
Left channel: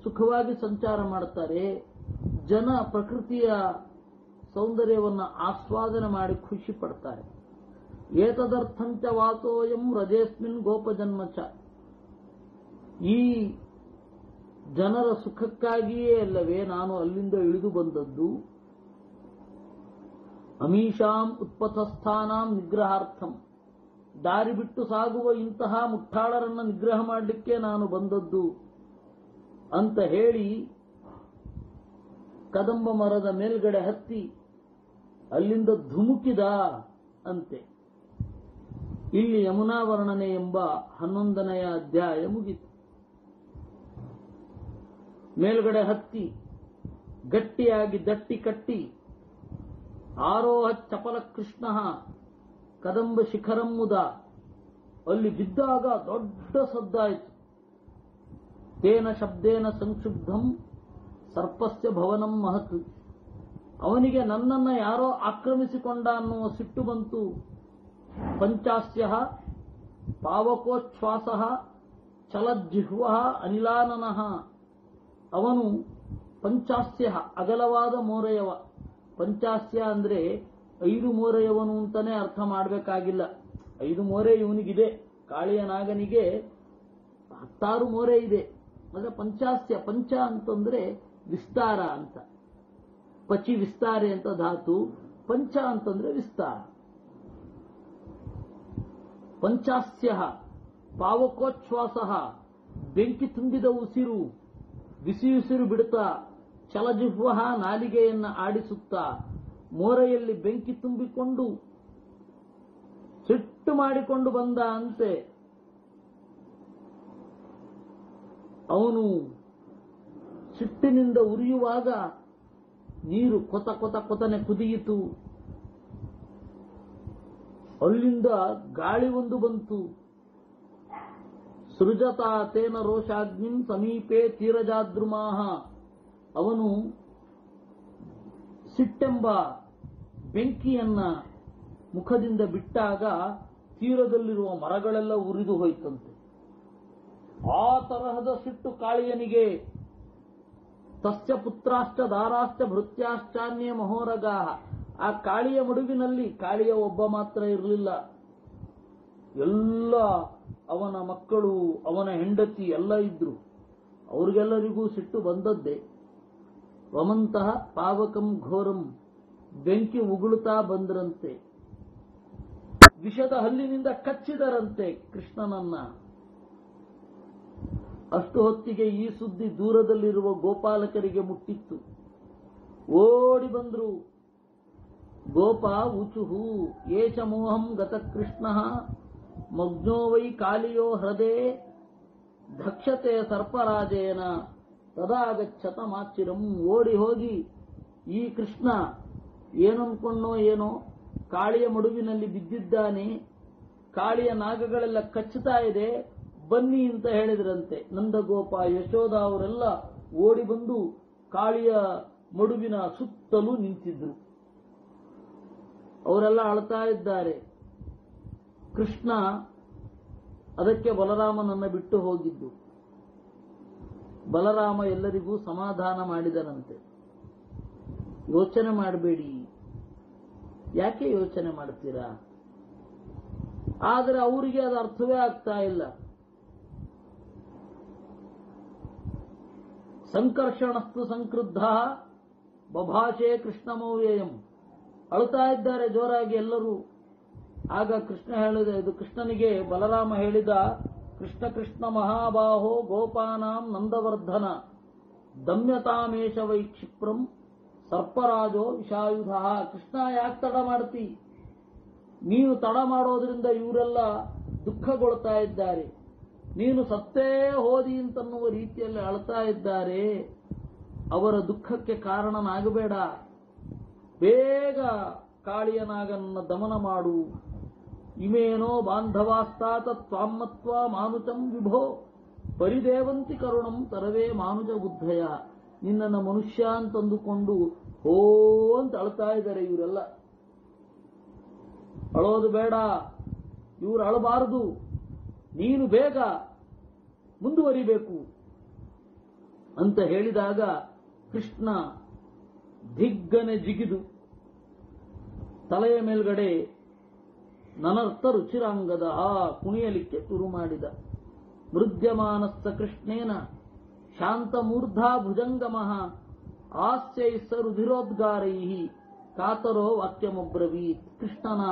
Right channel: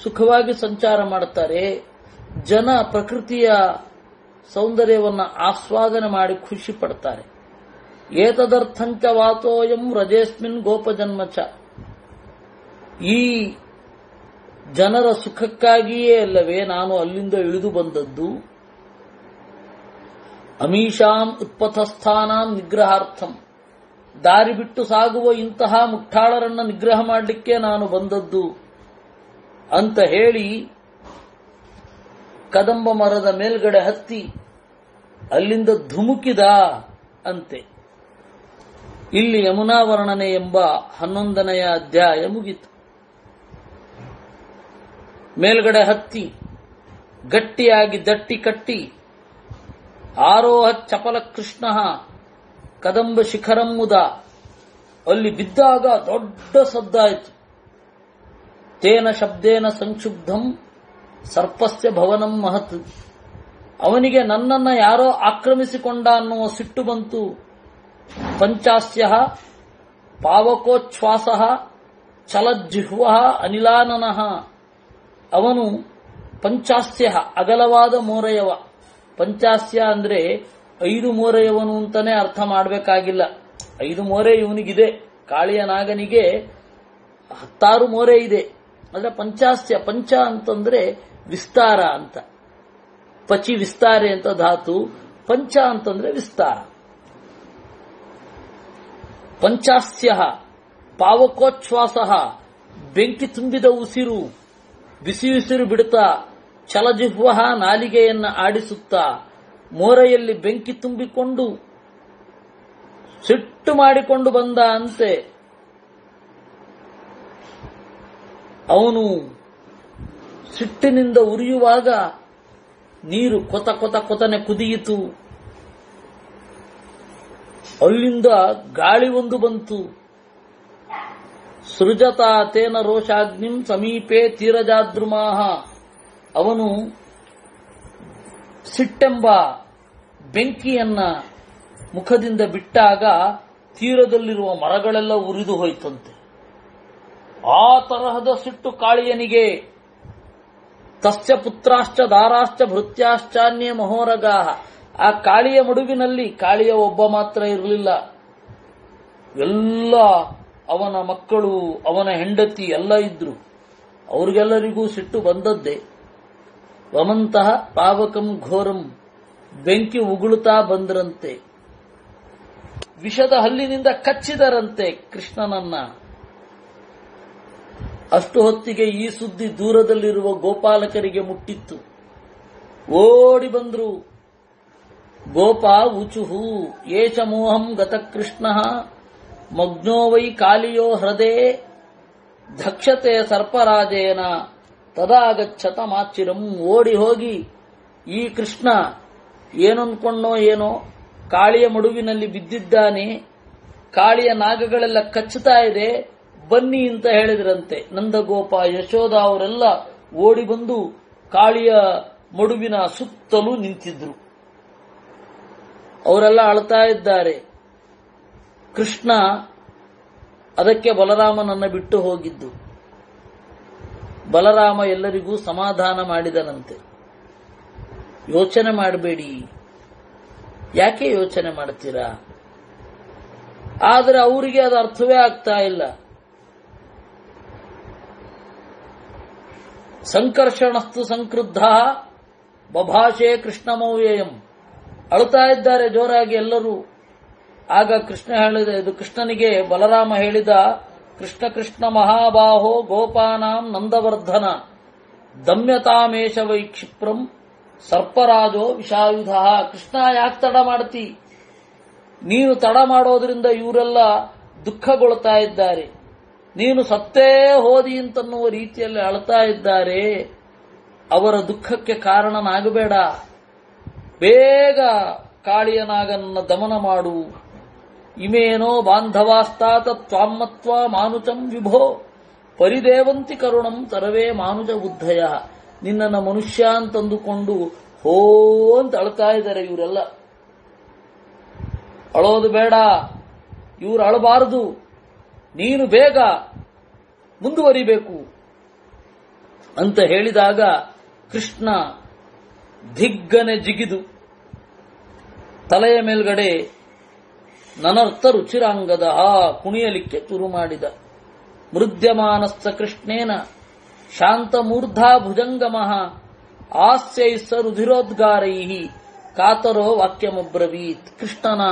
ಸುಖವಾಗಿ ಸಂಚಾರ ಮಾಡ್ತಾರೆ, ಜನ ಪ್ರಕೃತಿಯ ಸೌಂದರ್ಯವನ್ನು ಆಸ್ವಾದನೆ ಮಾಡಿ ಖುಷಿ ಪಡ್ತಾರೆ. ಏತದರ್ಥಂಚ ವಾತೋಯಂ ರಜೇಸ್ಮಿನ್ ಗೋಪಜನ್ಮಚ, ಈ ಜನರ ಸುಖಕ್ಕಾಗಿಯೇ ಅಲ್ಲವೇ ನಾನು ಅಲ್ಲಿಂದ ಇಳಿದು ಬಂದದ್ದು. ಅಮೀಷಾಂ ಉತ್ಪಥಸ್ಥಾನಾಂ ನಿಗ್ರಹಾರ್ಥಂ, ದಾರಿ ಬಿಟ್ಟು ಸಾಗುವ ಇಂತಹ ಮುಟ್ಟಾಳರನ್ನ ನಿಗ್ರಹ ಮಾಡಲಿಕ್ಕೆ ನಾನು ಬಂದದ್ದು ಅಂತ ಹೇಳಿ ಕದಂಬ ಮರದ ಮೇಲ್ಗಡೆ ಹತ್ತಿ ಅಲ್ಲಿಂದ ಧುಮುಕಿದ ಅಂತೆ. ಇಲ್ಲಿ ಯಮುನಾ ವರ್ಣನೆ ಎಂಬ 11ನೆಯ ಅಧ್ಯಾಯ ಮುಗಿತು. ಮೇಲ್ಗಡೆ ಹತ್ತಿ ಗಟ್ಟಿಯಾಗಿ ದಟ್ಟಿ ಕಟ್ಟಿ ಆರೋಹ ಚಪಲ ಕೃಷ್ಣ ಕದಂಬ ಶಿಖರಂ ಮುದ, ಅಲ್ಲಿ ಬಿದ್ದಾಗ ದೊಡ್ಡ ಸದ್ದಾಯಿತು. ತೇನ ಶಬ್ದೇನ ಸಂಕ್ಷುಬ್ಧಂ ಸರ್ಪಸ್ಯ ಭವನಂ ಮಹತ್, ಅವನಿಗೆ ನನ್ನನ್ನ ಯಾರೋ ಆಕ್ರಮಿಸಿಕೊಂಡ ಅನ್ನುವ ಸಿಟ್ಟು ಬಂತು. ಪಂಚಾಸ್ಯ ಪಾವಕೋಚ್ಛ್ವಾಸ ಚಲಜ್ಜಿಹ್ವ ಅನಿಲಾನನಃ, ಅವನು ಪಂಚಾಸ್ಯ ಅಗಲವಾದ ಮೋರೆಯವ. ಪಂಚಾಸ್ಯ ಅಂದ್ರೆ 5 ಮೋರೆಯವನು ಅಂತಾನೆ ಅರ್ಥ ಮಾಡಬೇಕಾಗಿಲ್ಲ. 5 ಮೋರೆ ಇವನಿಗಿದೆ, ಕಾಳಿಯ ನಾಗನಿಗೆ 16 ಮೋರೆ ಇದೆ. ಅಂದ್ರೆ ಪಂಚಾಸ್ಯ, ಪಂಚ ಅಂತಂದ್ರೆ ವಿಸ್ತಾರ ಅಂತ, ಪಚಿ ವಿಸ್ತಾರೆ ಅಂತ ಧಾತು, ಪಂಚ ಅಂತಂದ್ರೆ ವಿಸ್ತಾರ. ಪಂಚಾಸ್ಯ ಪಾವಕೋಚ್ಛ್ವಾಸ, ಬೆಂಕಿ ತುಂಬಿದ ಉಸಿರು, ಬಿಸಿ ಉಸಿರು ಬಿಡುತ್ತಾ, ಚಲಜಿಹ್ವ ನಾಲಿಗೆಯನ್ನ ಆಡಿಸುತ್ತಾ, ಮೋರೆಯಲ್ಲಿ ಬೆಂಕಿ ತುಂಬಿಕೊಂಡು ಸಿಟ್ಟು ಮಾಡಿಕೊಂಡು ಬಂದ ಅಂತೆ. ಅವನು ಸಿಟ್ಟಿನಿಂದ ಉರಿಯುವಾಗ ನೀರು ಕೊತ ಕೊತ ಕೊತನೆ ಕುದಿಯಿತು. ಅಲ್ಲಿಂದ ಗಾಳಿ ಒಂದು ಬಂತು, ಸೃಜತಾ ತೇನ ರೋಷಾಗ್ನಿಂ ಸಮೀಪೆ ತೀರಜಾದ್ರುಮಾಹ. ಅವನು ಸಿಟ್ಟೆಂಬ ಬೆಂಕಿಯನ್ನ ಮುಖದಿಂದ ಬಿಟ್ಟಾಗ ತೀರದಲ್ಲಿರುವ ಮರಗಳೆಲ್ಲ ಉರಿದು ಹೋಯ್ತಂತೆ. ಆ ತರಹದ ಸಿಟ್ಟು ಕಾಳಿಯನಿಗೆ. ತಸ್ಯ ಪುತ್ರಾಶ್ಚ ದಾರಾಶ್ಚ ಭೃತ್ಯಾಶ್ಚಾನ್ಯೇ ಮಹೋರಗಾಹ. ಆ ಕಾಳಿಯ ಮಡುವಿನಲ್ಲಿ ಕಾಳಿಯ ಒಬ್ಬ ಮಾತ್ರ ಇರಲಿಲ್ಲ, ಎಲ್ಲ ಅವನ ಮಕ್ಕಳು, ಅವನ ಹೆಂಡತಿ ಎಲ್ಲ ಇದ್ರು. ಅವ್ರಿಗೆಲ್ಲರಿಗೂ ಸಿಟ್ಟು ಬಂದದ್ದೇ. ವಮಂತಹ ಪಾವಕಂ ಘೋರಂ, ಬೆಂಕಿ ಉಗುಳುತ್ತಾ ಬಂದ್ರಂತೆ. ವಿಷದ ಹಲ್ಲಿನಿಂದ ಕಚ್ಚಿದರಂತೆ ಕೃಷ್ಣನನ್ನ. ಅಷ್ಟು ಹೊತ್ತಿಗೆ ಈ ಸುದ್ದಿ ದೂರದಲ್ಲಿರುವ ಗೋಪಾಲಕರಿಗೆ ಮುಟ್ಟಿತ್ತು. ಓಡಿ ಬಂದ್ರು. ಗೋಪ ಊಚುಹು ಏಷ ಮೋಹಂ ಗತ ಕೃಷ್ಣ ಮಗ್ನೋ ವೈ ಕಾಲಿಯೋ ಹೃದಯ ಧಕ್ಷತೆ ಸರ್ಪರಾಜೇನ ತದಾಗಚ್ಚತ ಮಾಚಿರಂ. ಓಡಿ ಹೋಗಿ ಈ ಕೃಷ್ಣ ಏನನ್ಕೊಂಡೋ ಏನೋ ಕಾಳಿಯ ಮಡುವಿನಲ್ಲಿ ಬಿದ್ದಿದ್ದಾನೆ, ಕಾಳಿಯ ನಾಗಗಳೆಲ್ಲ ಕಚ್ಚುತ್ತಾ ಇದೆ, ಬನ್ನಿ ಅಂತ ಹೇಳಿದ್ರಂತೆ. ನಂದಗೋಪ ಯಶೋಧ ಅವರೆಲ್ಲ ಓಡಿ ಬಂದು ಕಾಳಿಯ ಮಡುವಿನ ಸುತ್ತಲೂ ನಿಂತಿದ್ರು. ಅವರೆಲ್ಲ ಅಳ್ತಾ ಇದ್ದಾರೆ. ಕೃಷ್ಣ ಅದಕ್ಕೆ ಬಲರಾಮನನ್ನ ಬಿಟ್ಟು ಹೋಗಿದ್ದು. ಬಲರಾಮ ಎಲ್ಲರಿಗೂ ಸಮಾಧಾನ ಮಾಡಿದನಂತೆ. ಯೋಚನೆ ಮಾಡಬೇಡಿ. ಯಾಕೆ ಯೋಚನೆ ಮಾಡ್ತೀರಾ? ಆದರೆ ಅವರಿಗೆ ಅದು ಅರ್ಥವೇ ಆಗ್ತಾ ಇಲ್ಲ. ಸಂಕರ್ಷಣಸ್ತು ಸಂಕ್ರುದ್ಧ ಬಭಾಷೆ ಕೃಷ್ಣಮವ್ಯಯಂ. ಅಳುತ್ತಾ ಇದ್ದಾರೆ ಜೋರಾಗಿ ಎಲ್ಲರೂ. ಆಗ ಕೃಷ್ಣ ಹೇಳಿದ, ಇದು ಕೃಷ್ಣನಿಗೆ ಬಲರಾಮ ಹೇಳಿದ, ಕೃಷ್ಣ ಕೃಷ್ಣ ಮಹಾಬಾಹೋ ಗೋಪಾನಾಂ ನಂದವರ್ಧನ ದಮ್ಯತಾಮೇಶ ವೈ ಕ್ಷಿಪ್ರಂ ಸರ್ಪರಾಜೋ ವಿಷಾಯುಧ. ಕೃಷ್ಣ ಯಾಕೆ ತಡ ಮಾಡ್ತಿ? ನೀನು ತಡ ಮಾಡೋದ್ರಿಂದ ಇವರೆಲ್ಲ ದುಃಖಗೊಳ್ತಾ ಇದ್ದಾರೆ. ನೀನು ಸತ್ತೇ ಹೋದಿ ಅಂತನ್ನುವ ರೀತಿಯಲ್ಲಿ ಅಳ್ತಾ ಇದ್ದಾರೆ. ಅವರ ದುಃಖಕ್ಕೆ ಕಾರಣನಾಗಬೇಡ. ಬೇಗ ಕಾಳಿಯನಾಗನ್ನ ದಮನ ಮಾಡು. ಇಮೇನೋ ಬಾಂಧವಾಸ್ತಾತ ತ್ವಾಮತ್ವ ಮಾನುಚಂ ವಿಭೋ ಪರಿದೇವಂತಿ ಕರುಣಂ ತರವೇ ಮಾನುಜ ಬುದ್ಧಯ. ನಿನ್ನನ್ನ ಮನುಷ್ಯ ಅಂತಂದುಕೊಂಡು ಹೋ ಅಂತ ಅಳ್ತಾ ಇದ್ದಾರೆ ಇವರೆಲ್ಲ. ಅಳೋದು ಬೇಡ, ಇವರು ಅಳಬಾರದು. ನೀನು ಬೇಗ ಮುಂದುವರಿಬೇಕು ಅಂತ ಹೇಳಿದಾಗ ಕೃಷ್ಣ ದಿಗ್ಗನೆ ಜಿಗಿದು ತಲೆಯ ಮೇಲ್ಗಡೆ ನನರ್ಥ ರುಚಿರಾಂಗದ ಕುಣಿಯಲಿಕ್ಕೆ ಶುರು ಮಾಡಿದ. ಮೃದ್ಯಮಾನಸ್ಸ ಕೃಷ್ಣೇನ ಶಾಂತಮೂರ್ಧಾ ಭುಜಂಗಮಃ ಆಸ್ಯೈಸ್ಸ ರುಧಿರೋದ್ಗಾರೈಃ ಕಾತರೋ ವಾಕ್ಯಮಬ್ರವೀತ್. ಕೃಷ್ಣನ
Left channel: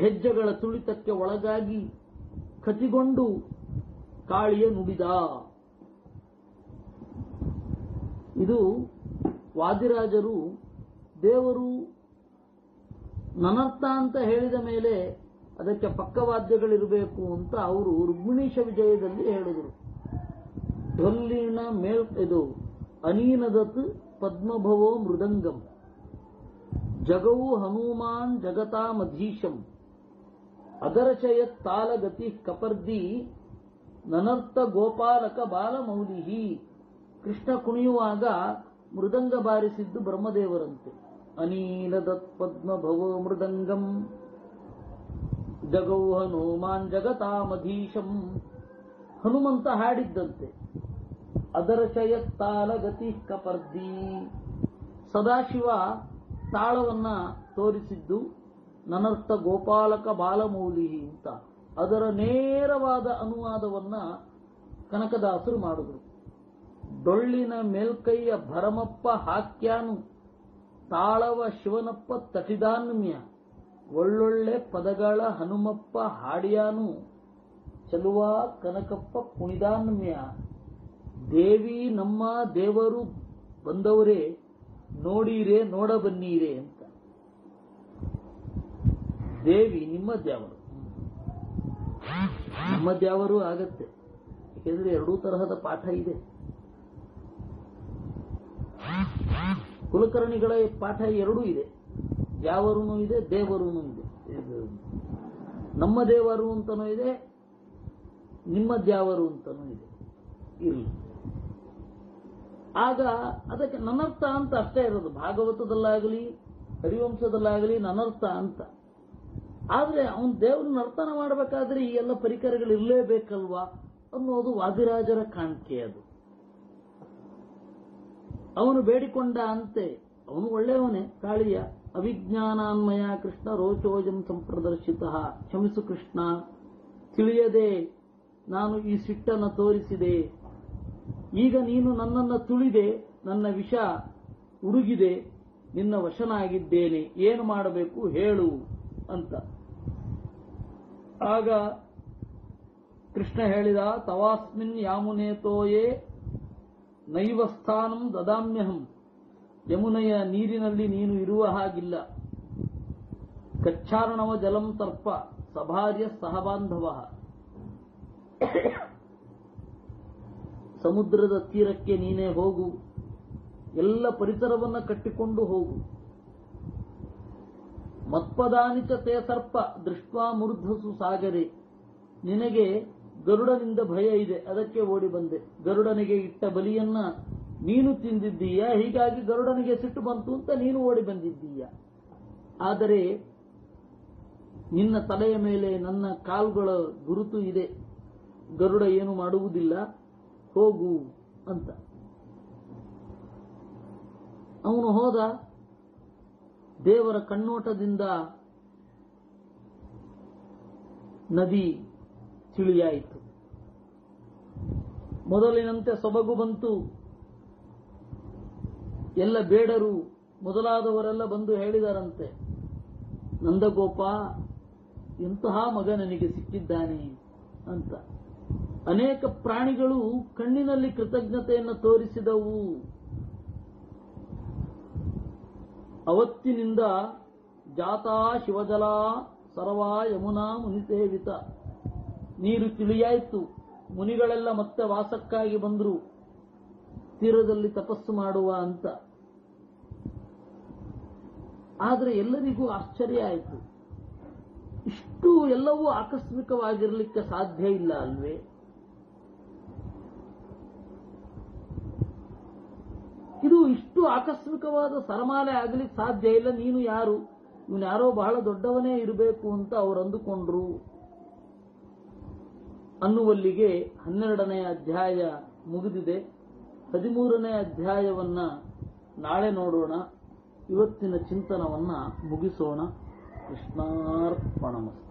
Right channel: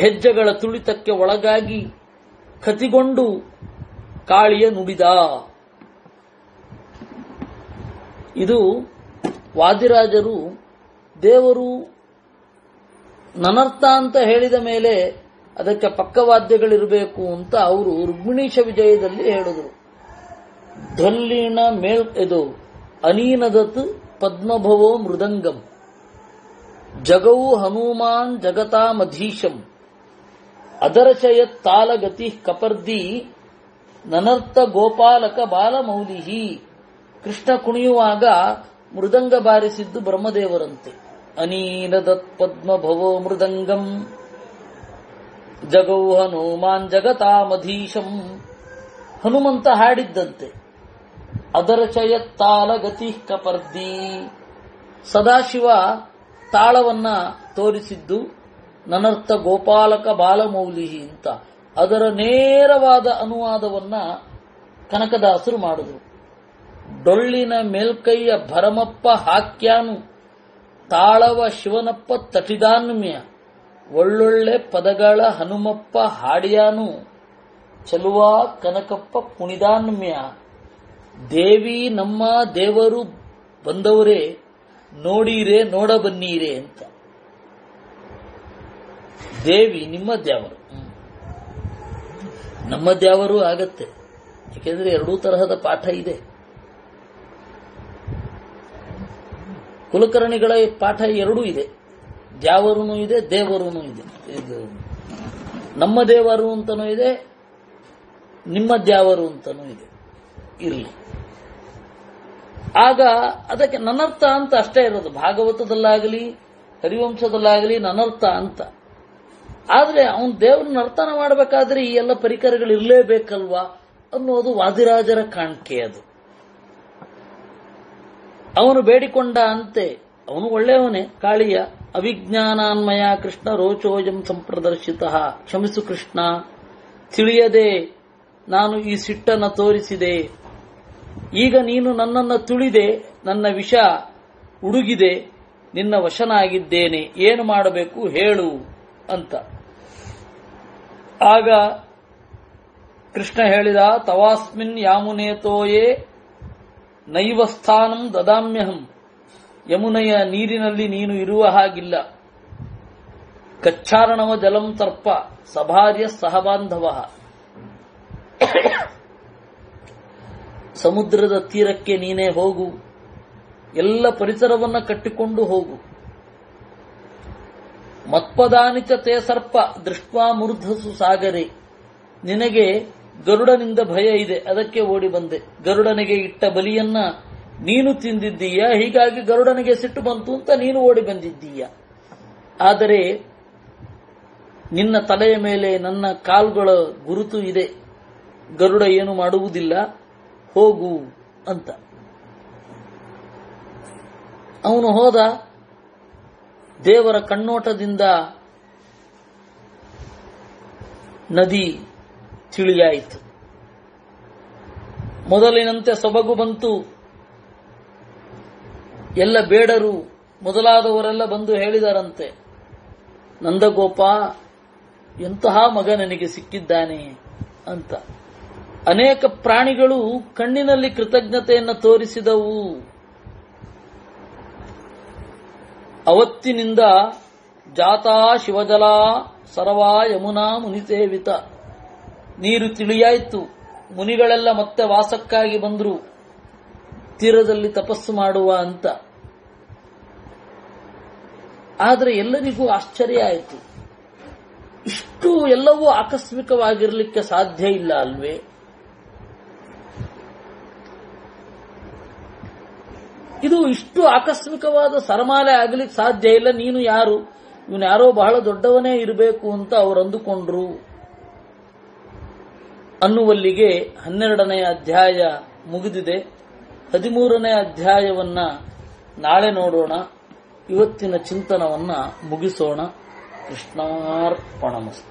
ಹೆಜ್ಜೆಗಳ ತುಳಿತಕ್ಕೆ ಒಳಗಾಗಿ ಕತಿಗೊಂಡು ಕಾಳಿಯ ನುಡಿದ. ಇದು ವಾದಿರಾಜರು ದೇವರು ನನರ್ಥ ಅಂತ ಹೇಳಿದ ಮೇಲೆ ಅದಕ್ಕೆ ಪಕ್ಕವಾದ್ಯಗಳಿರಬೇಕು ಅಂತ ಅವರು ರುಕ್ಮಿಣೀಶ ವಿಜಯದಲ್ಲಿ ಹೇಳಿದರು. ಧ್ವಲ್ಲಿನ ಇದು ಅನೀನದತ್ ಪದ್ಮಭವೋ ಮೃದಂಗಂ ಜಗೌ ಹನುಮಾನ್ ಜಗತಾಮಧೀಶಂ ಅದರ್ಶಯತ್ ತಾಲಗತಿ ಕಪರ್ದಿ ನನರ್ಥ ಗೋಪಾಲಕ ಬಾಲಮೌಲಿಹಿ. ಕೃಷ್ಣ ಕುಣಿಯುವಾಗ ಮೃದಂಗ ಬಾರಿಸಿದ್ದು ಬ್ರಹ್ಮದೇವರಂತೆ. ಅನೀನದತ್ ಪದ್ಮಭವೋ ಮೃದಂಗಂ ಜಗೌ ಹನುಮಾನ್ ಜಗತಾಮಧೀಶಂ. ಹನುಮಂತ ಹಾಡಿದ್ದಂತೆ. ಅದರ್ಶಯತ್ ತಾಲಗತಿ ಕಪರ್ದಿ. ಸದಾಶಿವ ತಾಳವನ್ನ ತೋರಿಸಿದ್ದು ನನರ್ಥ ಗೋಪಾಲಕ ಬಾಲಮೌಲಿಹಿ ಅಂತ. ಅದರ ನೇರವಾದ ಅನುವಾದವನ್ನ ಕನಕದಾಸರು ಮಾಡಿದ್ರು. ಡೊಳ್ಳಿನ ಮೇಲ್ಕೈಯ ಭರಮಪ್ಪ ಹಾಕ್ಯಾನು ತಾಳವ ಶಿವನಪ್ಪ ತಟಿದಾನ್ಮ್ಯ ಒಳ್ಳೊಳ್ಳೆ ಪದಗಳ ಹನುಮಪ್ಪ ಹಾಡಿಯಾನು ಚಲುವ ಕನಕಪ್ಪ ಕುಣಿದಾನ್ಮ್ಯ. ದೇವಿ ನಮ್ಮ ದೇವರು ಬಂದವರೇ ನೋಡೀರೆ ನೋಡ ಬನ್ನೀರೆ ಅಂತ. ದೇವಿ ನಿಮ್ಮ ದ್ಯಾವರು, ನಮ್ಮ ದ್ಯಾವರು ಆಗತ್ತೆ. ಯಾಕೆಂದ್ರೆ ಎರಡೂ ತರಹದ ಪಾಠ ಇದೆ. ಕುಲಕರ್ಣಿಗಳ ಪಾಠ ಎರಡೂ ಇದೆ. ದ್ಯಾವರೂ ಇದೆ, ದೇವರೂ ಇದೆ. ಇದು ನಮ್ಮ ದೇವರು ಅಂತನೂ ಇದೆ, ನಿಮ್ಮದ್ಯಾವರು ಅಂತನೂ ಇದೆ. ಇರಲಿ. ಆಗ ಅದಕ್ಕೆ ನನರ್ಥ ಅಂತ ಅಷ್ಟೇ ಇರೋದು. ಭಾಗವತದಲ್ಲಾಗಲಿ ಹರಿವಂಶದಲ್ಲಾಗಲಿ ನನರ್ಥ ಅಂತ. ಆದ್ರೆ ಅವನು ದೇವರನ್ನ ಅರ್ಥನ ಮಾಡಬೇಕಾದ್ರೆ ಈ ಎಲ್ಲ ಪರಿಕರಗಳು ಇರಲೇಬೇಕಲ್ವಾ ಅನ್ನೋದು ವಾದಿರಾಜರ ಕಾಣಿಕೆ. ಅದು ಅವನು ಬೇಡಿಕೊಂಡ ಅಂತೆ. ಅವನು ಒಳ್ಳೆಯವನೇ, ಕಾಳಿಯ. ಅವಿಜ್ಞಾನಾನ್ಮಯ ಕೃಷ್ಣ ರೋಚೋಜಂ ಸಂಪ್ರದರ್ಶಿತ. ಕ್ಷಮಿಸು ಕೃಷ್ಣ, ತಿಳಿಯದೆ ನಾನು ಈ ಸಿಟ್ಟನ್ನು ತೋರಿಸಿದೆ. ಈಗ ನೀನು ನನ್ನನ್ನು ತುಳಿದೆ, ನನ್ನ ವಿಷ ಉಡುಗಿದೆ, ನಿನ್ನ ವಶನಾಗಿದ್ದೇನೆ, ಏನು ಮಾಡಬೇಕು ಹೇಳು ಅಂತ. ಆಗ ಕೃಷ್ಣ ಹೇಳಿದ, ತವಾಸ್ಮಿನ್ ಯಾಮುನೇತೋಯೇ ನೈವ ಸ್ಥಾನಂ ದದಾಮ್ಯಹಂ. ಯಮುನೆಯ ನೀರಿನಲ್ಲಿ ನೀನು ಇರುವ ಹಾಗಿಲ್ಲ. ಕಚ್ಚಾರಣವ ಜಲಂ ತರ್ಪ ಸಭಾರ್ಯ ಸಹಬಾಂಧವ. ಸಮುದ್ರದ ತೀರಕ್ಕೆ ನೀನೇ ಹೋಗು, ಎಲ್ಲ ಪರಿಸರವನ್ನ ಕಟ್ಟಿಕೊಂಡು ಹೋಗು. ಮತ್ಪದಾನಿಚ ತೇ ಸರ್ಪ ದೃಷ್ಟ್ವಾ ಮೂರ್ಧಸು ಸಾಗರೆ. ನಿನಗೆ ಗರುಡನಿಂದ ಭಯ ಇದೆ, ಅದಕ್ಕೆ ಓಡಿ ಬಂದೆ. ಗರುಡನಿಗೆ ಇಟ್ಟ ಬಲಿಯನ್ನ ನೀನು ತಿಂದಿದ್ದೀಯ, ಹೀಗಾಗಿ ಗರುಡನಿಗೆ ಸಿಟ್ಟು ಬಂತು ಅಂತ ನೀನು ಓಡಿ ಬಂದಿದ್ದೀಯ. ಆದರೆ ನಿನ್ನ ತಲೆಯ ಮೇಲೆ ನನ್ನ ಕಾಲುಗಳ ಗುರುತು ಇದೆ, ಗರುಡ ಏನು ಮಾಡುವುದಿಲ್ಲ, ಹೋಗು ಅಂತ. ಅವನು ಹೋದ. ದೇವರ ಕಣ್ಣೋಟದಿಂದ ನದಿ ತಿಳಿಯಾಯಿತು. ಮೊದಲಿನಂತೆ ಸೊಬಗು ಬಂತು. ಎಲ್ಲ ಬೇಡರು ಮೊದಲಾದವರೆಲ್ಲ ಬಂದು ಹೇಳಿದರಂತೆ, ನಂದಗೋಪ ಎಂತಹ ಮಗ ನನಗೆ ಸಿಕ್ಕಿದ್ದಾನೆ ಅಂತ. ಅನೇಕ ಪ್ರಾಣಿಗಳು ಕಣ್ಣಿನಲ್ಲಿ ಕೃತಜ್ಞತೆಯನ್ನು ತೋರಿಸಿದವು. ಅವತ್ತಿನಿಂದ ಜಾತಾ ಶಿವಜಲ ಸರವಾ ಯಮುನಾ ಮುನಿಸೇವಿತ. ನೀರು ತಿಳಿಯಾಯಿತು. ಮುನಿಗಳೆಲ್ಲ ಮತ್ತೆ ವಾಸಕ್ಕಾಗಿ ಬಂದರು, ತೀರದಲ್ಲಿ ತಪಸ್ಸು ಮಾಡುವ ಅಂತ. ಆದರೆ ಎಲ್ಲರಿಗೂ ಆಶ್ಚರ್ಯ ಆಯಿತು. ಇಷ್ಟು ಎಲ್ಲವೂ ಆಕಸ್ಮಿಕವಾಗಿರಲಿಕ್ಕೆ ಸಾಧ್ಯ ಇಲ್ಲ ಅಲ್ವೇ? ಇದು ಇಷ್ಟು ಆಕಸ್ಮಿಕವಾದ ಸರಮಾಲೆ ಆಗಲಿಕ್ಕೆ ಸಾಧ್ಯ ಇಲ್ಲ. ನೀನು ಯಾರು? ಇವನು ಯಾರೋ ಬಹಳ ದೊಡ್ಡವನೇ ಇರಬೇಕು ಅಂತ ಅವರು ಅಂದುಕೊಂಡ್ರು ಅನ್ನುವಲ್ಲಿಗೆ 12ನೇ ಅಧ್ಯಾಯ ಮುಗಿದಿದೆ. 13ನೇ ಅಧ್ಯಾಯವನ್ನ ನಾಳೆ ನೋಡೋಣ. ಇವತ್ತಿನ ಚಿಂತನವನ್ನ ಮುಗಿಸೋಣ. ಕೃಷ್ಣಾರ್ಪಣಮಸ್ತು.